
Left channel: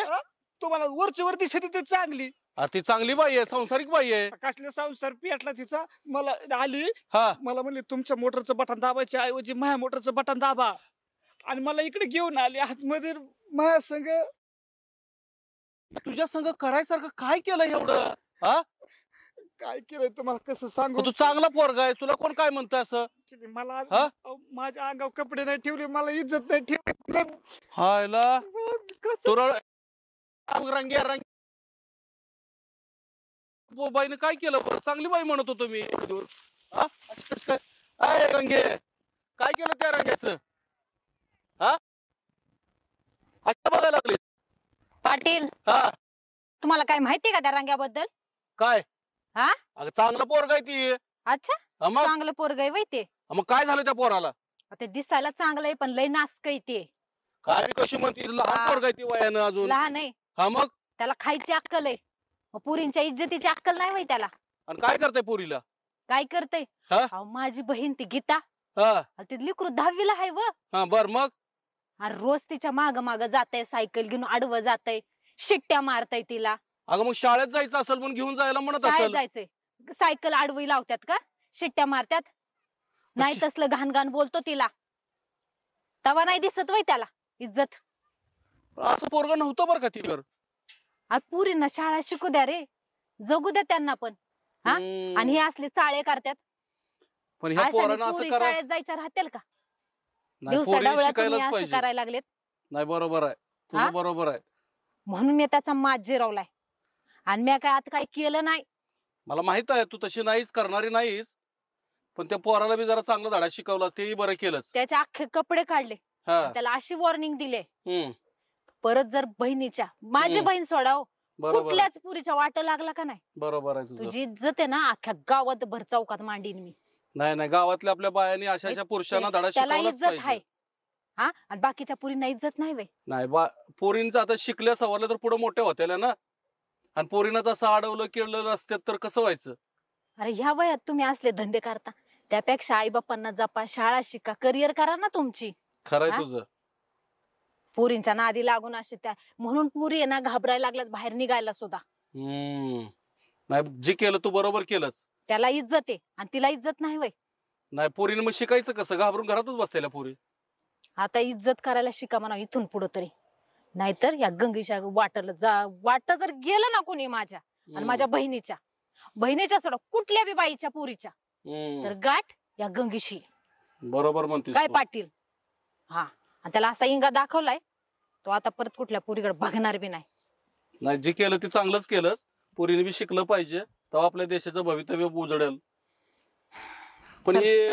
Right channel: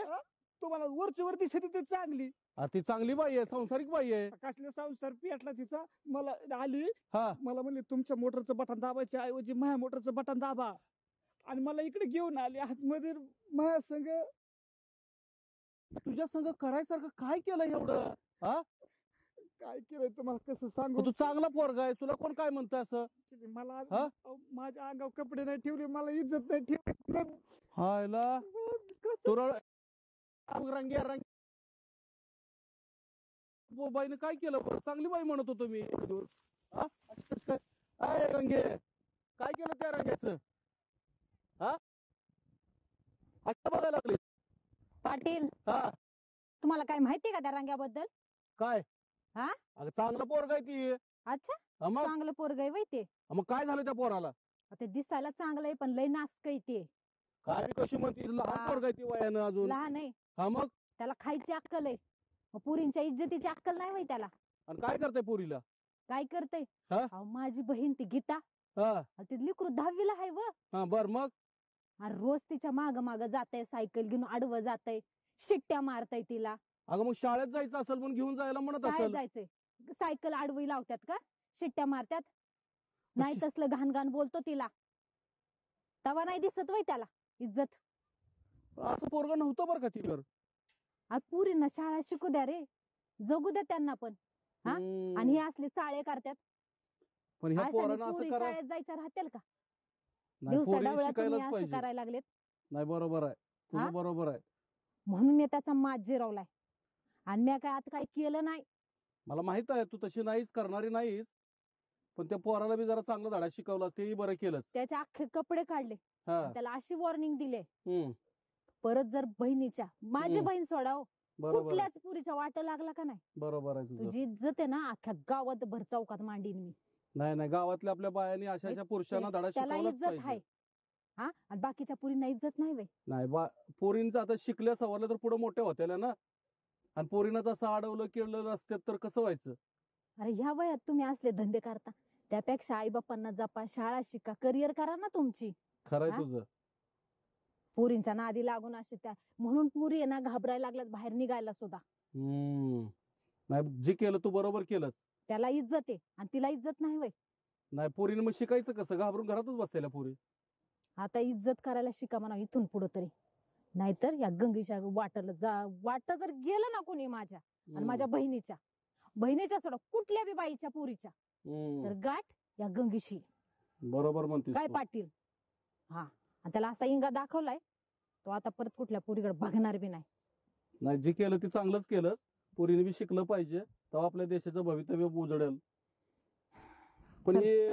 तुम्हाला वरची वर दिसते ती चांगली. ती चांगली बाई आहे, संसारिक बाई आहे. कसले संसार पेटला तिचा. मला आली, हा मला म्हणली तुमच्या मोटरचं बटन दाबायच्या ऐवजी माझ्या मोटरचं बटन दाबा, आणि मला इकडे घेऊन आली आतमध्ये माझ्या संग. तुझ्या संग करायसारखं काय केलं एवढं? हा काय केलंय तुम्हाला कसं सांगू? तू चांगला पोरगा आहे, तुला कोण काय म्हणतोय असं? मला हा? अहो, माझ्या अंगावर कपडे नाही ठेवले, मला इज्जत नाही ठेवली. हायला तुरळ रंग्या बाईने काय केलं बरं? चांगली बाई म्हणत होतो मी एक दिवस. हा? असं कसं काय? अय रंगे काय केलं त्या रंग्याचं? हा अच्छा बघायला लागले. पाटील हा तुम्हाला काय माहितीये का त्या रंग्याबद्दल? काय? हा? अगं चांगला पोरगा आहे ती. अच्छा, हा मग चांगलं पोरग आहे ते. मग काय झालं त्या पोराला? ते दिसायला चांगलं आहे पण लय नासक आहे ते. काय कशी म्हणते? लहान हा. पोरगा आहे ती वयानं अजून. लहान आहे, हा मग त्याला खायची अक्कल आहे. मग पुरींच्या इज्जतीची अक्कल नाही वय त्याला. आणि काय करताय पोरीला? काय करते? हा? माझी बहीण ती गीता, हा ती लेकरू 10वीला आहे व. हा बर मग आणि रोज तिच्या माग माग जातय, सायकल घेऊन आडवं जातय, शिट्ट्या मारताय तिला. अगं मग शाळेत जायचं असेल म्हणून घेऊन जायला म्हणत शाळेत असेल. जायचंय, सायकल आडवी लावतात का, शिट्ट्या मारतात? नाही तसलं घाण घाण बोलतो तिला. तवा नाही दिसत वय त्याला इज्जत. असं पोरग नव्हतं बरं का तिच्यावर. आज पुरींना शाळा शिकू द्या रे, जगू द्या त्यांना पण. हा? आणि हे असले चाळे करतात. पण ह्या अशाने पोरानं असं पोरी करा. शाळेत जायच्या राहतील का? नाही, दिवसा पोरीला डावळ्या तुम्ही शिकायलाच असं पाहिजे. करायला लागलेत. नाही बरोबर आहे, हा? तुझं बरोबर आहे. म्हणून मी त्याचा माज जिरवलाय. आणि मी काय आता काही केलं नाही. मला माहित आहे तू तशी नाहीच करणारी नाहीस. पण त्या पोराला बी जरा चांगलं धडा शिकवला तेही बरं केलंच. त्याचे अख्खे कपडे काढले, हा. त्याला अशी वॉर्निंग दिले, हम्म. परत जर बहिणीच्या, माझी हम्म. बहीण सोडाव, बरोबर आहे. कुठल्याच पुरीच्या वाट लागला का नाही, बरोबर आहे तुझं. तुझी इज्जत आहे ना अख्ख्या गावात भर चौकात मांडीन मी. नाही नाही, गावातल्या आपल्या बायांनी अशा पुरुषांना धडा त्याला शिकवलाच इज्जत आहे. पाहिजे. हा, आणि बाकीच्या पुरींना इज्जत नाही वे. नाही पोरींचं आता शिकल्या सवरल्या तर पुढे मोठ्या होत्या ना, आणि पोरींनाच असं अडवलं केलं असतात तर कसं व्हायचं. अरे ह्या वयात तुम्ही असले धंदे करता, त्यापेक्षा आई बापांना जपा, शाळा शिका, करिअर करा ना तुमची. खरंय हा? तुझं. पोरींच्या नादी लागून असे त्या, म्हणून पुरी आहे ना घाबरायला लागल्यात बाहेर निघायला सुद्धा. नाही, जे केलं तू बरोबर केलंच. त्याला इज्जत आहे आणि तिला इज्जत नाही वय. नाही, पोरीनं मग शिकायचं कसं, घाबरून घरातच बसलेल्या पोरी. आता इज्जत करायला शिका म्हणा इथून पुढे तरी, नाहीतर या गंगीच्या वाट जर गेलं ना कोणी माझ्या आणि माझ्या बहिणीच्या सोडा कुठल्या बी बाईच्या पुरीच्या, तर गाठ या गंगीशी. बरोबर म्हणतेस काय तू. पाटील. हा, आणि त्याला असा इंगा दाखवलाय, तो आता परत कुठल्या पुरीकडे बघणार बी नाही. नाही, जे केलं ते चांगलंच केलंस. पोरीने बी शिकलं पाहिजे, तेव्हा आपल्या देशाचं भवितव्य उजळेल. पण चल. हे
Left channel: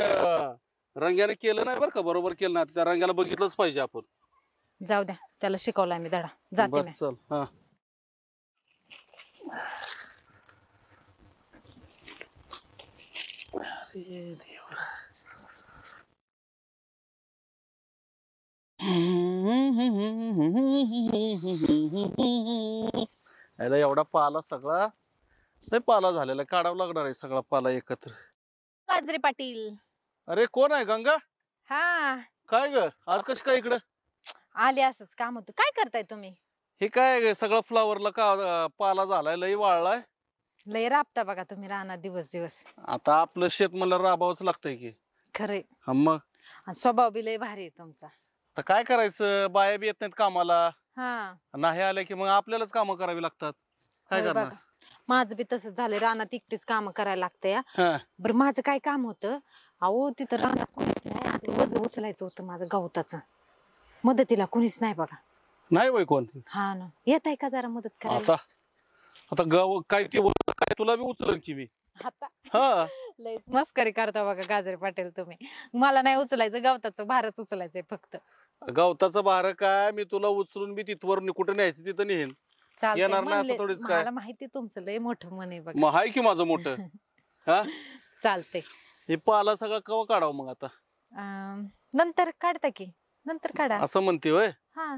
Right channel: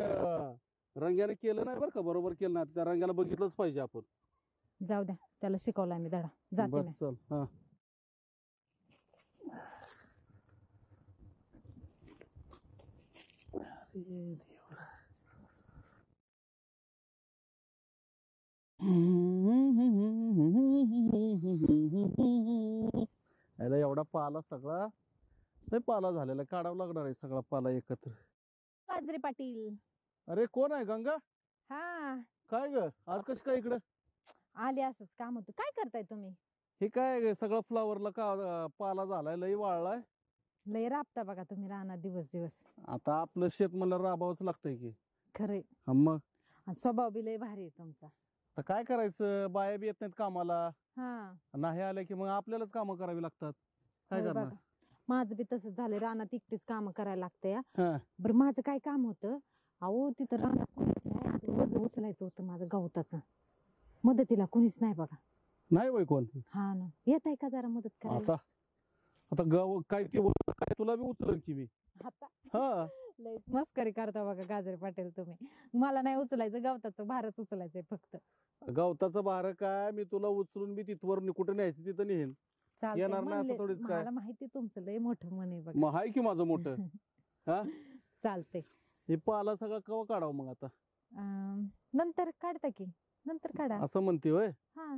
रंग्याने केलं नाही बरं का, बरोबर केलं नाही. त्या रंग्याला बघितलंच पाहिजे आपण. जाऊ द्या, त्याला शिकवलाय मी धडा. जाते बरं, मी. चल. हा. याला एवढा पाला सगळा नाही, पाला झालेला काढावं लागणार आहे सगळा पाला एकत्र. गाजरे पाटील. अरे कोण आहे, गंगा? हा, काय ग, आज कशी काय इकडं आले, असंच काम होतं. काय करताय तुम्ही? हे काय सगळं फ्लावरला का पाला झालाय, लई वाळलाय. लय राबता बघा तुम्ही रानात दिवस दिवस. आता आपलं शेत मला राबावंच लागतंय की. खरे, हा मग आणि स्वभाव बी लय भारी आहे तुमचा. आता काय करायचं, बाया बी येत नाहीत कामाला, हा, नाही आल्या की मग आपल्यालाच कामं करावी लागतात. काय होय करणार. बघा. माझं बी तसंच झालंय, रानात एकटीच काम करायला लागतं या. हा. बरं, माझं काय काम होतं, अहो तिथं रानात कोणीच नाही, आता वज उचलायचं होतं माझं गवताचं, मदतीला कोणीच नाही बघा. नाही बाई कोण. हा ना, येत आहे का जरा मदत करायला? आता आता गाव काय ते काय तुला बी उचलन की मी. आता हा. लय मस्करी करता बघा गाजरे पाटील तुम्ही. मला नाही उचलायचं, गवताचं भारच उचलायचंय फक्त. गवताचं भार काय, मी तुला उचलून बी तिथवर कुठे न्यायचं तिथं नेहीन. चालतंय, येणार नाही असं म्हणले- थोडीच काय. मला माहिती तुमचं लय मोठं मन आहे बघा. मग हाय की माझं मोठं. हा. चालतंय. हे पाला सगळं कवा काढावं मग आता? नंतर काढता की, नंतर काढा. असं म्हणते होय. हा,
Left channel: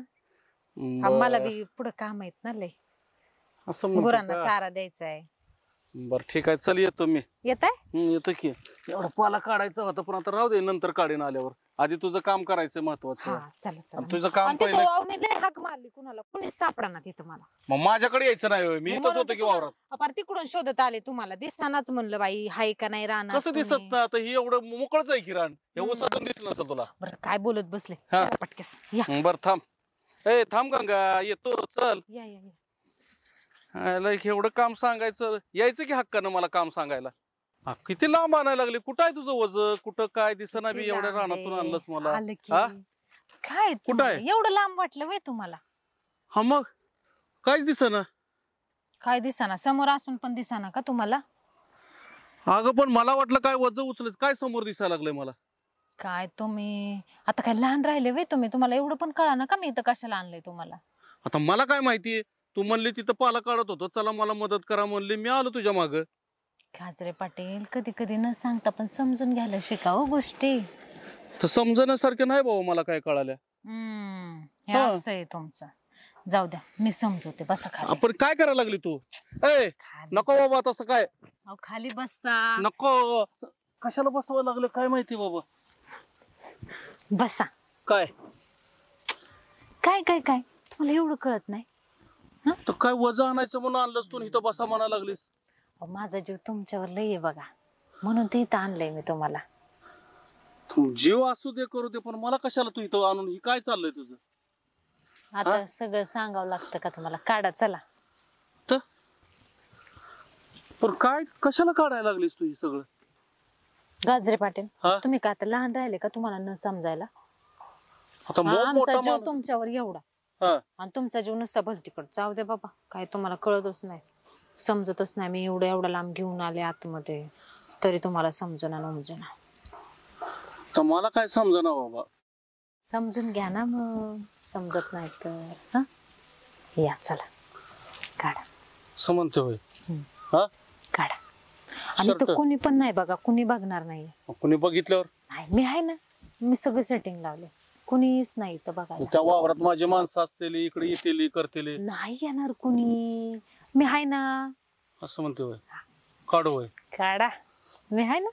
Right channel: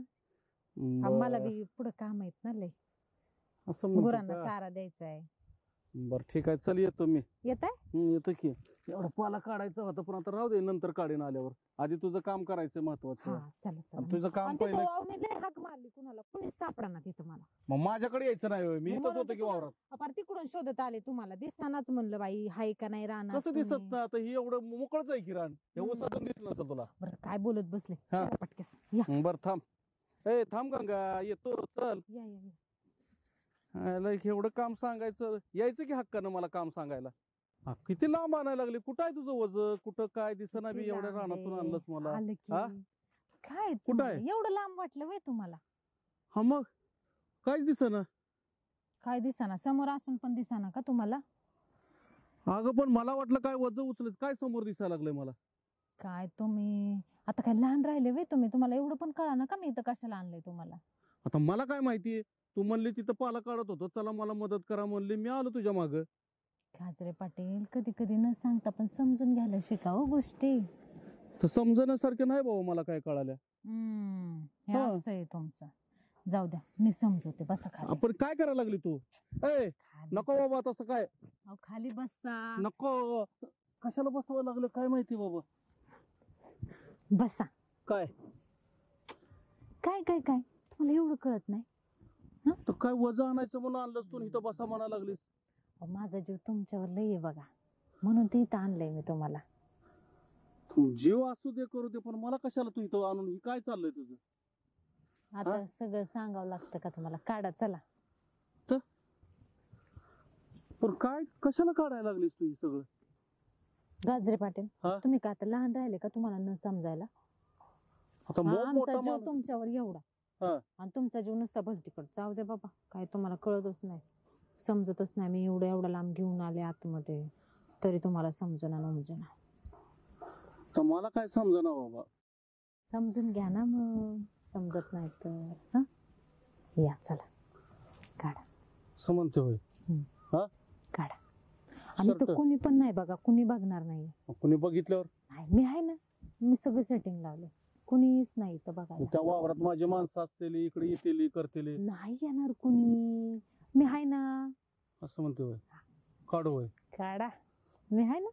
बरं. मला बी पुढे काम आहेत ना लय. असं म्हणते गुरांना का? चारा द्यायचा आहे. बरं ठीक आहे, चल येतो मी. येत आहे? येतो की. एवढा पाला काढायचा होता, पण आता राहू दे, नंतर काढीन आल्यावर. आधी तुझं काम करायचं महत्वाचं. हा, चला चला. आणि तुझं काम आणि तिथं पहिलं. मी लय हाक मारली, कुणाला कुणीच सापडा ना तिथं मला. मग माझ्याकडे यायचं नाही होय, मी इथंच म्हणून होतो तर की वावरात. अपार तिकडून शोधत आले तुम्हाला, दिसतानाच म्हणलं बाई हाय का नाही राहणार. कसं दिसत नाही आता, ही एवढं मोकळच आहे की रान. हे उसातून दिसलं नसेल तुला. बरं, काय बोलत बसले. हा. चला पटकस या. बरं थांब. ए थांब गंगा, येतो, चल. या या या. आयला एवढं काम सांगायचं, यायचं की हक्कानं मला काम सांगायला. हा, किती लांब आणायला लागले. कुठं आहे तुझं वज, कुठं काय दिसना बी, किती एवढ्या लांब रानातून आहे. आणलंस मला. आलं की. हा? काय कुठं तुम्हाला आहे? एवढं लांब वाटलं वय तुम्हाला? हा मग काहीच दिसना. काय दिसाना, समोर असून पण दिसाना का तुम्हाला? अगं पण मला वाटलं काय वज उचलच, काय समोर दिसायला लागलंय मला. काय तुम्ही आता काय लहान राहिले वे तुम्ही? तुम्हाला एवढं पण कळा ना का मी इथं कशाला आणलंय तुम्हाला? आता मला काय माहिती, तू म्हणली तिथं पाला काढत होतो, चला मला मदत करा म्हणली, मी आलो तुझ्या माग. गाजरे पाटील, कधी कधी न सांगता पण समजून घ्यायला शिकावं गोष्टी. तर समजण्यासारखं नाही बाबा मला काय कळाल्या. हे हा. असं आहे तुमचं. जाऊ द्या, मी समजवते, बसा खाली. आपण काय करायला लागली तू? ए खाली नको बस. बाबा तसं काय. अहो, खाली बसा. नको, कशाला बसवायला लागलं काय माहिती बाबा. बसा. काय काय काय काय तुम्हाला एवढं कळत नाही? तर काय वजन आणायचं म्हणून आणलंस तू, इथं बसा म्हणायला लागलीस. अहो, माझा जीव तुमच्यावर लय आहे बघा, म्हणून ते इथं आणलंय मी तुम्हाला. तू जीव असू दे करू दे, पण मला कशाला तू इथं आणून, ही काय चाललंय तुझं? आता सगळं सांगावं लागतं का तुम्हाला? काढा चला. पण काय कशाला काढायला लागलीस तू हे सगळं? गाजरे पाटील, हा? तुम्ही का आता लहान राहिले का तुम्हाला न समजायला? आता हा, आमचा मोठा जीव माणूस. तुमच्यावर एवढा हा. आणि तुमचा जीव नुसता भलतीकड. जाऊ दे बाबा, काय तुम्हाला कळतच नाही, समजतच नाही. मी एवढं एवढा लांब घेऊन आले आतमध्ये. तरी तुम्हाला समजना नमजना. तर मला काय समजना बाबा. समजून घ्या ना मग, समजत नाही तर. हा या चला काढा. समजते होय. काढा. आणि शर्ट. तो कुणी पण नाही बघा, कुणी बघणार नाही. कुणी बघितल्यावर नाही मी आहे ना, मी सगळं सेटिंग लावले, कुणीच नाही तर बघायला. त्या वावरात माझी माणसं असतील, इकडे येतील करतील. नाही येणार कुणी, मी आहे ना. असं म्हणते होय. काढू होय. काढा, मी आहे ना.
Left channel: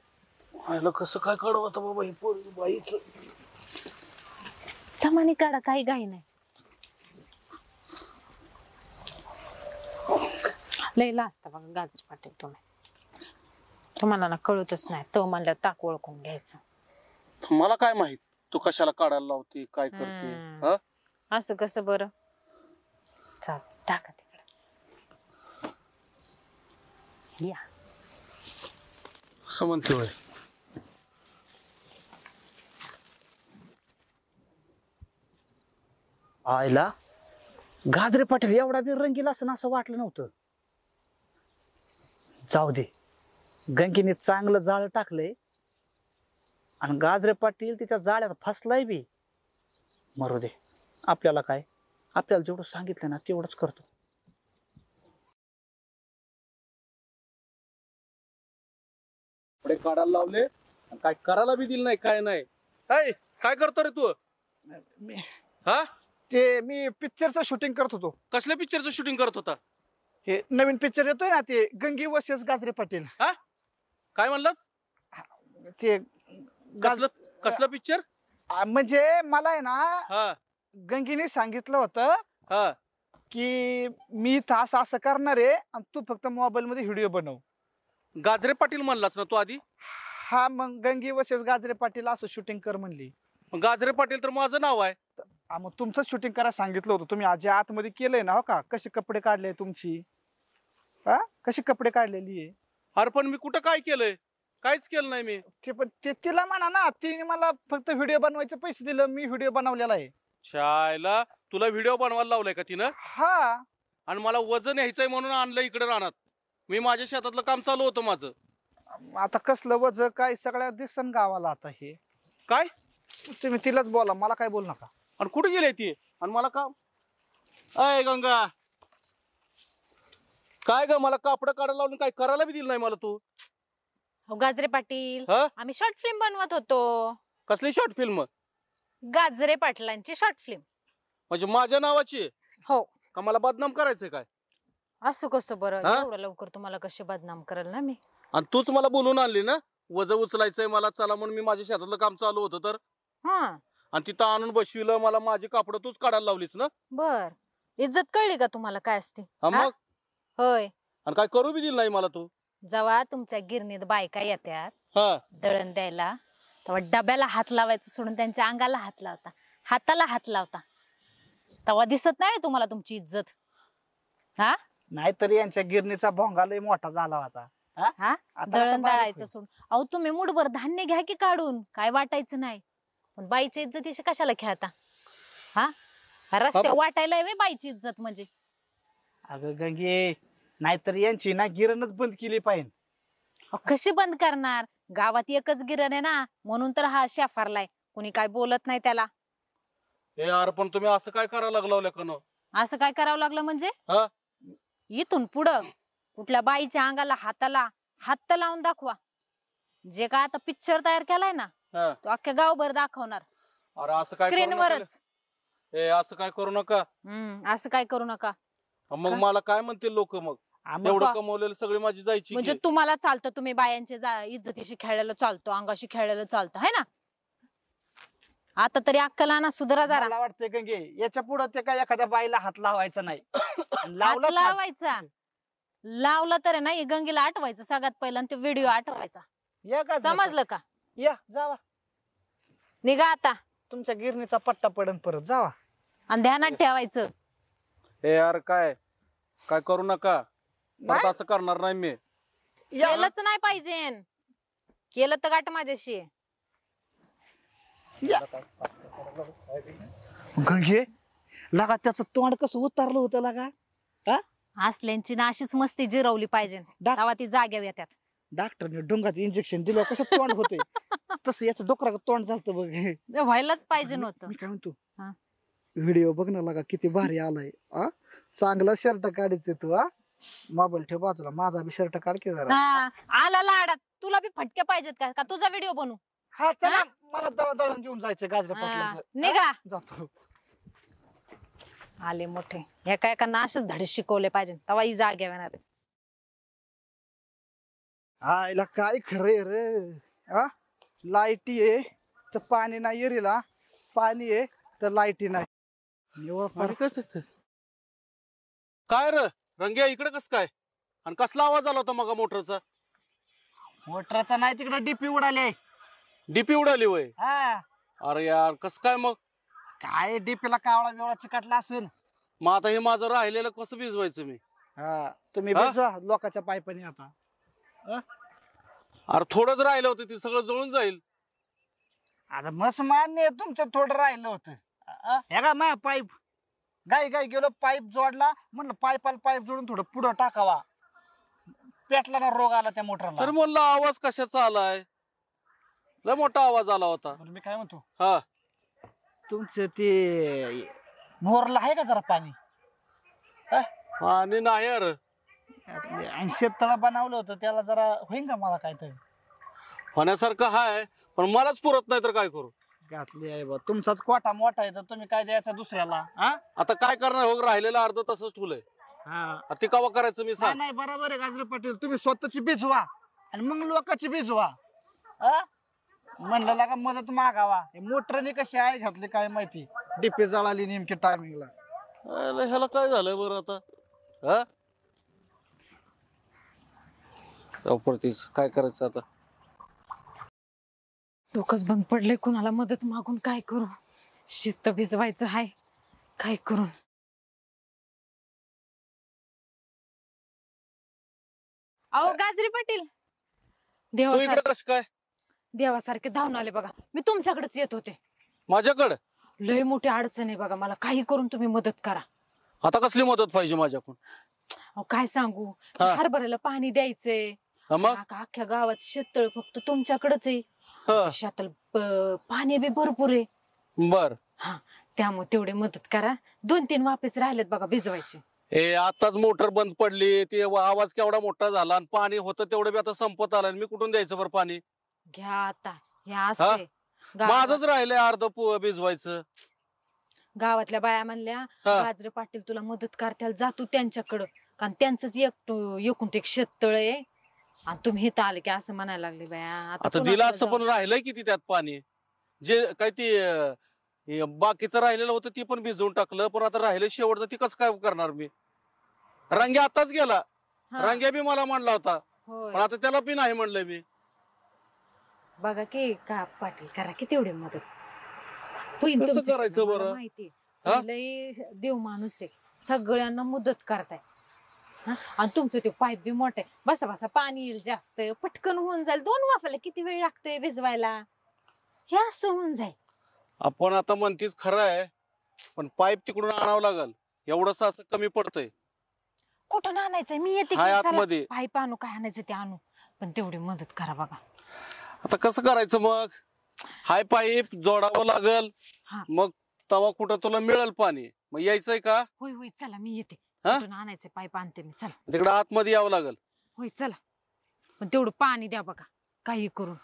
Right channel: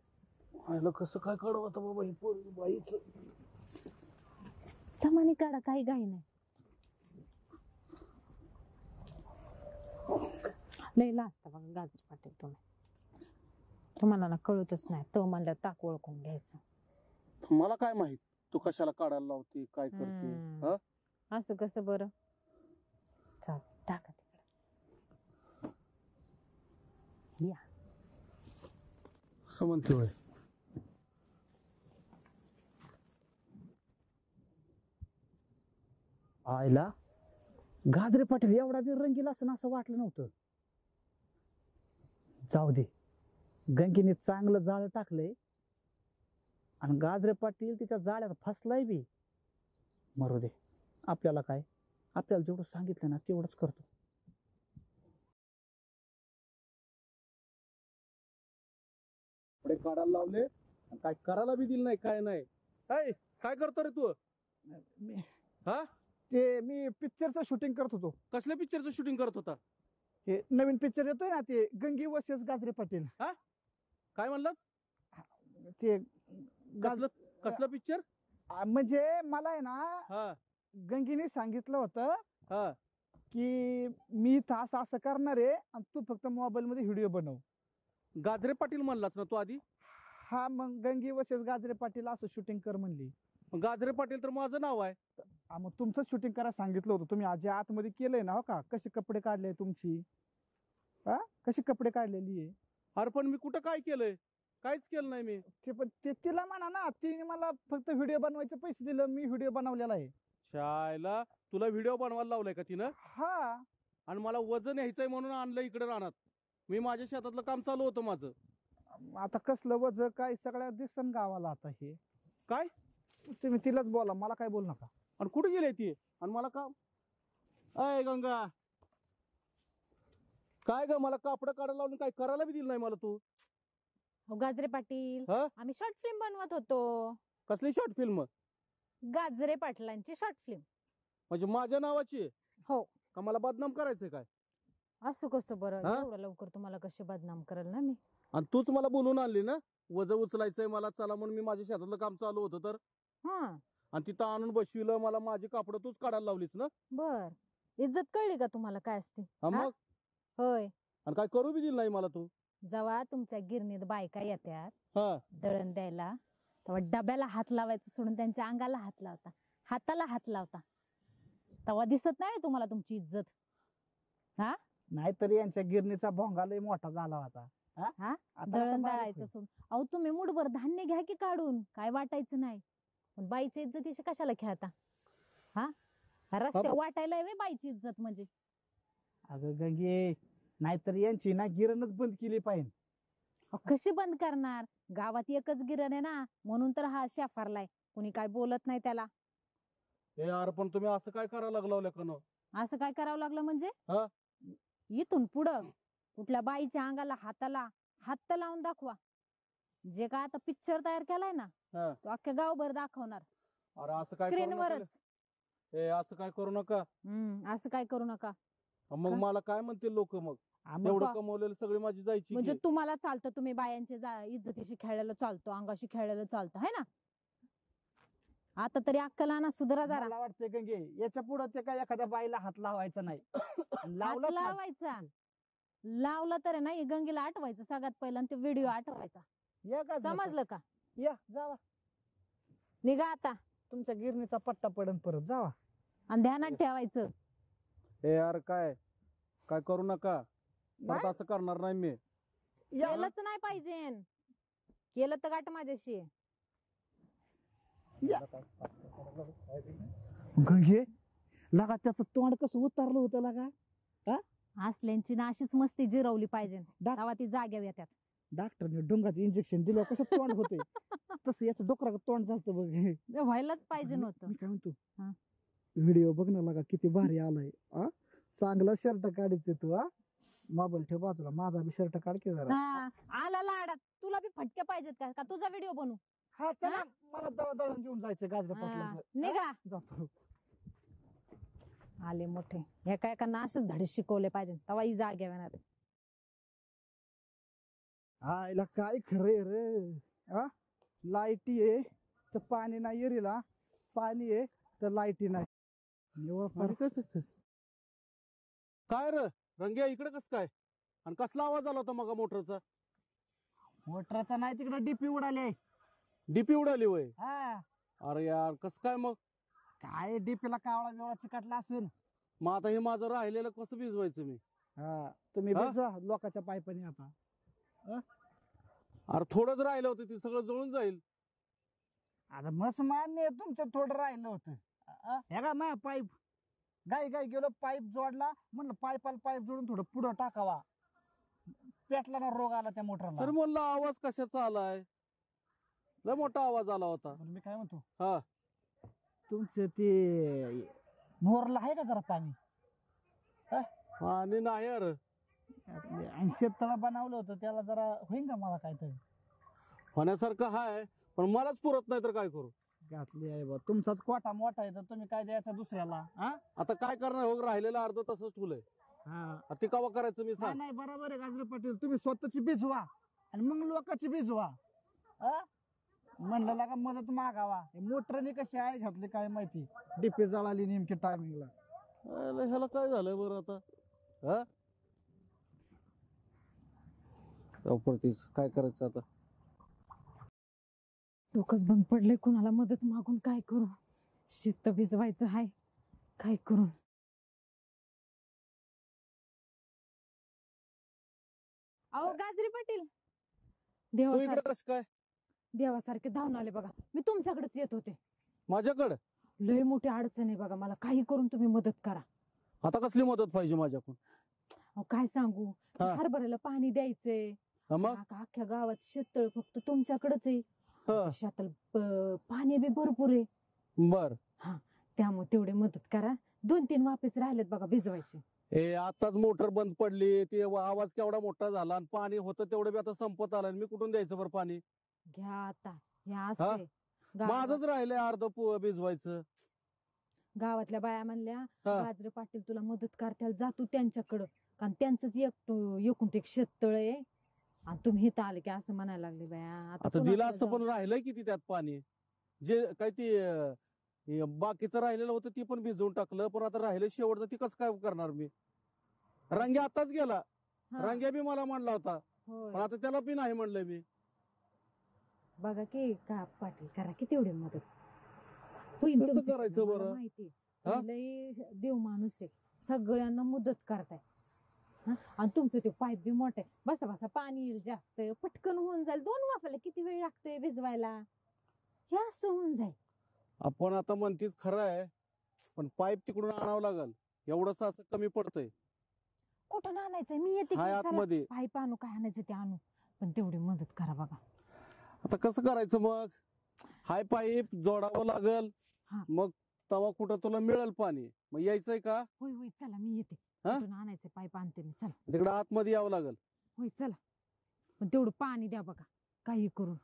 आयला कसं काय काढू आता बाबा ही पोरगी बाईचं. थमाने काढा, काही घाई नाही. लयला असता बघा गाजर पाटील तुम्हाला ना कळतच नाही. तो म्हणल्यावर ताक ओळखून घ्यायचं. मला काय माहित तू कशाला काढायला लावते, काय करते. हा असं कसं बरं. चाल टाका तिकडे. या असं म्हणते होय. आयला गाजरे पाटील एवढा बी रंगीला असं असं वाटलं नव्हतं. जाऊ दे, गंगीने चांगलं जाळ टाकलंय आणि गाजरे पाटील तिच्या जाळ्यात फसलाय बी. मरू दे, आपल्याला काय, आपल्याला जेवढं सांगितलं ना तेवढंच करतो. पुढे काढायला लावले आणि काय करायला बी दिलं नाही, काय नाही. काय करतो रे तू. मी हा मी पिक्चरचं शूटिंग करत होतो. कसल्या पिक्चरचं शूटिंग करत होता. हे नवीन पिक्चर येतोय ना, ते गंगी वर्सेस गाजरे पाटील. काय म्हणलास. ते कसलं कसलं पिक्चर. म्हणजे मला आहे ना, हा गंगीने सांगितलं होतं हा की मी इथं असं असं करणार आहे आणि तू फक्त मोबाईल मध्ये व्हिडिओ बनव. गाजरे पाटील म्हणलास ना तू आधी. हा, मग गंगी वर्सेस गाजरे पाटील असं शूटिंग कर म्हणली. गाजरे पाटील तर माझं नाव आहे. मग तुमचं शूटिंग करायला सांगितलं होतं. तुम्ही आजी आतमध्ये केलंय ना, हो का. कसे कपडे काढले तुमची, हा कशी कपडे काढलेली आहे. अरे पण मी कुठं काय केलंय, काहीच केलं नाही मी. ते पण तिला म्हणा ना, तिने मला फक्त व्हिडिओ बनवायचे पैसे दिलं, मी व्हिडिओ बनवलेला आहे. शायला तुला व्हिडिओ बनवायला लावलाय का तिनं. हा, आणि मला वजन यायचंय म्हणून आणलं इकडे राहणार. मी माझ्या शेतातलं काम चालू होतं माझं. आता कसलं वज काय सगळ्या दिसन गावाला आता हे. काय तुम्ही तिलाच बोला, मला काय बोल नका. आणि कुठे गेले ती आणि मला काम. अय गंगा, काय ग मला कापड काढायला लावून काय करायला बी दिलं नाही मला तू. गाजरे पाटील, हा? आम्ही शॉर्ट फिल्म बनवत होतो. कसली शॉर्ट फिल्म. गाजरे पाटलांची शॉर्ट फिल्म. म्हणजे माझ्या नावाची. हो. का मला बदनाम करायचंय काय. असं कसं बरं, हा? एवढं लवकर तुम्हाला कशी बदनाम करेल ना मी. आणि तूच मला बोलून आणली ना, वज उचलायचंय मला, चला म्हणून मी माझ्या शेतातलं काम चालू होतं तर. हा आणि तिथं आणून बसविलं मला, माझी कापड तूच काढायला लावलीस ना. बर, इज्जत कळली का तुम्हाला काय असते. हा मग. होय, आणि काय करू बी दिलं नाही मला तू. जेव्हा तुमच्या गिरणीत बायका येतात हा दळण द्यायला, तेव्हा डब्याला हात लावायचं सोडून त्यांच्या अंगाला हात लावता, हाताला हात लावता. तेव्हा दिसत नाही तुम्हाला तुमची इज्जत. हा, नाहीतरी यांच्या गिरणीचा भोंगा लय मोठा झाला होता. हा, आता दळण असं बारीक दळायचं सोडून. अहो तुम्ही मुठभर धान्य घ्या की काढून, काय वाटायचं नाही. पण बाईची इज्जतीशी कशाला खेळता. हा, रस्ते वाटायला वे बाईची इज्जत म्हणजे. अगं गंगे, नाहीतरी यांची ना गिरणच बंद केली पाहिजे. अहो, कशी बंद करणार, गावात एकच गिरण आहे ना, म्हणून तर हा शेफारलाय, कुणी काय बोलत नाही त्याला. हे यार पण तुम्ही असं काय करायला लागला का. असं काय करावं लागलं म्हणजे. हा? इथून पुढं कुठल्या बाईच्या अंगाला हाताला हात तर लावून दाखवा. जे काय आता पिक्चर तयार केलाय ना, हा. तो अख्ख्या गावभर दाखवणार अरे असं काय करू नका. स्क्रीनवरच. हे असं काय करू नका. असं काय करू नका. मग का? मला काय म्हणतील लोक. मग आम्ही एवढं का? कमवलेलं सगळी माझी जायची म्हणजे की. तुम्हाला चालतं, तुम्ही बायांच्या इज्जतीशी खेळलेलं चालतो, अंगाशी खेळलेलं चालतं, है ना. आता तरी अक्कल आणा, सुधरा जरा. मला वाटतंय गंगे, याच्या पुढे ते काय एखाद्या बाईला हात लावायचा नाही. हात लावला लावायचा, लावला तर आहे ना, हे गंगेला आठवायचं सगळ्यात पहिला, आणि तो व्हिडिओ आठवायचा. या का समजलं का. या जावा, निघा आता, तुमच्या गिरणीचा पट्टा पडन परत. जावा. आणि ध्यानात ठेवायचं. हे यार काय काय करू नका. परत नाही? असं करणार नाही मी. या. केलंच नाही पाहिजे, केलं तर गाठ माझ्याशी. गंगे, लगा त्याचं तोंड कसं उतारलं होतं लगा. असल्यांची ना अशीच मस्ती जिरवली पाहिजे, डाक- तेव्हा ती जाग्यावर येतात. डॉक्टरने डोंगात इंजेक्शन दिलं कसं तोंड होते तसं याचं डोकरा तोंड झालं बघ. ते व्हायलाच पाहिजे आणि नव्हतं. मी काय म्हणतो हा. व्हिडिओ बघ ना लागा किती भारी आलाय. चांगला शर्ट काढायचे तू. मोबाईल ठेव बाजूला, माझा बी शर्ट काढ की जरा. हा, आला लाडात. तुला बी फटके पाहिजेत का? का तुझा व्हिडिओ बनवू? हा चला, मला दळण घेऊन जायचं गाजऱ्या हा, पाटला. निघा. जातो. आले मोठे एका एकांना असेच धडे शिकवले पाहिजे, तेव्हा ही जाग येणार आहे. आईला काय खरंय रे. लाईटी आहे तर पाणी नाही एरीला, पाणी आहे तर लाईटी नाही. निवळ फार. अरे कसं काय र रंग्या इकडे कस काय आणि कसला आवाज आला होता मग मोटरचा? मोटरचा नाही, तिकडे डीपी उडाले. डीपी उडाली वय? हा अरे यार कस काय मग? काय डीपीला कावळा बिवळा चिकटला असेल. मग आता हे माझं राहिलेलं कसं भिजवायचं मी? हा तुम्ही हा? भिजवा लोकांच्या पायपाने आता. अरे थोडंच राहिलं होतं, ते सगळं जळून जाईल. आता मस्त मान्य आहे, तुमचं थोडं राहिलं होतं. हे का मा पाईप गाई गाई गेलो, पाईप जोडला, म्हणलं पाईपाला पाईप जोडून थोडं पुढं टाकावा. पेटला ना, रोग आला त्या मोटरला. तर म्हणलं आवाज कशाचा आलाय? लय मोठा आवाज आला होता. बरं मी काय म्हणतो, हा तुमचं ते बोरला आहे का जरा पाणी? आणि नाही यार, 80 तळा बनवलं होतं, त्याला जरा होईन का मला काहीतरी? होण्यासारखं हाय पण मलाच पुरत नाही तर काय करू? घातली आहे बा, तुमचाच कोटा मोठा आहे तर तुम्ही काय द्यायचा दुसऱ्याला? आता काय करणार हो, राहिलेलं अर्ध तसंच ठुलंय. हा ते कवा करायचं मी नाही सांग? नाही, बरोबर आहे गाजरे पाटील, तुम्ही स्वतःची भिजवा आणि मग लोकांची भिजवा. म्हणलं लागा मदत मागावा. मोटरने कशी आहे घातली काय माहिती, डीपी जळाली नेमकी टायमिंगला. ह्याला काय झालंय बरं आता? हा परतीच काय करायचं आता? डोकंच बंद पडले, कुणाला मदत मागून काय करू? शेत भिजवायचं हाय, काय करू? अहो गाजरी पाटील, तू इकडे देवासारखे कस काय? देवासारखे धावून आले बघा. मी तुमच्याकडेच येत होते. माझ्याकडे लय मोठी अडचण आहे बघा, मला काही करून तुम्ही मदत करा. आता कसली मदत पाहिजे माझ्याकडून? अहो काय सांगू, हा. हरभऱ्याला पाणी द्यायचंय. मग अख्ख्या गावात शेततळ फक्त तुमच्याकडेच आहे. हा, शेताला पाणी बी भरपूर आहे, बर. त्यामुळे तेवढे मदत करा. 2-3 वाफेच राहिलेत बघा भिजवायचे. आताच मोटर बंद पडली, ते आवाज केवढा मोठा झाला आणि पाणी होतं तेवढं बी आता संपत आलं. मी कुठून द्यायचं बरं पाणी? घ्या आता, ह्या असते. माझंच राहिलंय अर्ध भिजवायचं. गावातल्या बाया म्हणल्या हा. गाजरे पाटील तुला मदत करताल, जा तू त्यांच्याकडं, कारण त्यांचंच एकूण ते शेततळ आहे आणि तुम्ही इथं आले की असं म्हणायला लागले बाया. आता कोणाकडे दिलं असतं जाऊ? पण राहिलंय किती त्यात पाणी? जे काय ते बाकीचं राहिलेलं होतं ते पण भिजवून टाकलं, पण आता राहिलं शेवटचं ते कसं काय करणार मी? रंग्या आताच गेला, हा. रंग्या बी मला म्हणला होता, होय. पण आता त्याला बी नाही म्हणलंय मी. बघा की का पाटील, करा की तेवढी मदत. होईन कसं तुमच्याकडनं, करायचं मला बरं? माहिती हा? आहे. लय देव माणूस आहे, सगळ्यांना मदत करताय. आणि तुमचं ते पाईप बी मोठे, बसा बसा पाणी येईल जास्त, पटकन होऊन जाईल. 2 वाफायला किती वेळ लागतोय भिजवायला? हे असं होऊन जाईल. आपण आता म्हणतीस खरं आहे, पण पाईप तिकडून आणावं लागल. एवढंच असं कमी पडतंय. कुठून आणायचंय? मी येते की, हाय चला. आतमध्ये. पाईप आणू, काय आणायचं ते आणू, पण तेवढी मदत करा बघा. आता कसं करायचं मग? हाय पाईप जोडावं लागल, हा. मग तवा कुठं तुला मिळेल पाणी? मग यायचंय का? होय होय, चला मी येते. हा? कुठून आणायचंय पाईप आणते मी, चला. तिकडे आतमध्ये यावं लागल. होय चला, पण तेवढं पाणी द्या बघा, काही करून.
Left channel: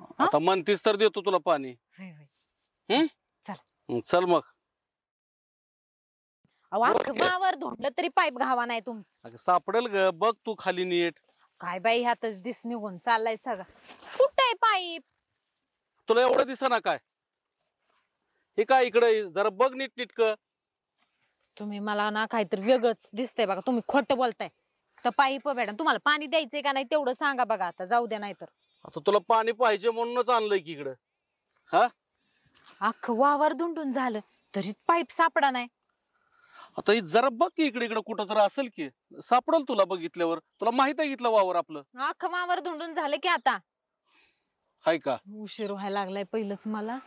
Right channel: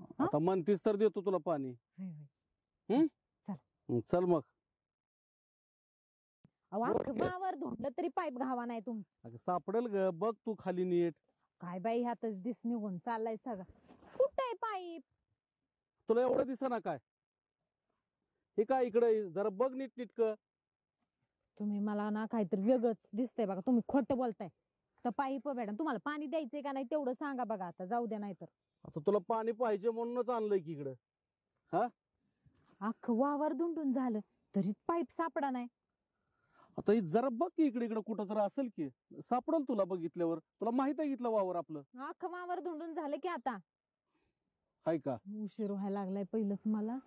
हा? आता म्हणतीस तर देतो तुला पाणी. होय होय. चल मग. अहो, अख्खं गावावर धोंडलं तरी पाईप घावा नाही तुमचं. अगं सापडेल ग, बघ तू खाली नीट. काय बाई, ह्यातच दिस निघून चाललाय सगळं. कुठं आहे पाईप? तुला एवढं दिसेना काय? हे काय इकडे जरा बघ नीट नीटक. तुम्ही मला ना काहीतरी वेगळंच दिसतंय बघा, तुम्ही खोटं बोलताय. तर पाईप मॅडम, तुम्हाला पाणी द्यायचंय का नाही तेवढं सांगा बघा. आता जाऊ द्या, नाही तर आता तुला पाणी पाहिजे म्हणूनच आणलंय की इकडं. अख्खं वावर धुंडून झालं तरी पाईप सापडा नाही. आता ही जरा बघ की इकडे इकडे कुठं तर असेल की, सापडल तुला बघितल्यावर. तुला माहित आहे इथलं वावर आपलं. अख्खं वावर धुंडून झालं की आता. हाय का? उशीर व्हायला लागलाय पहिलंच मला.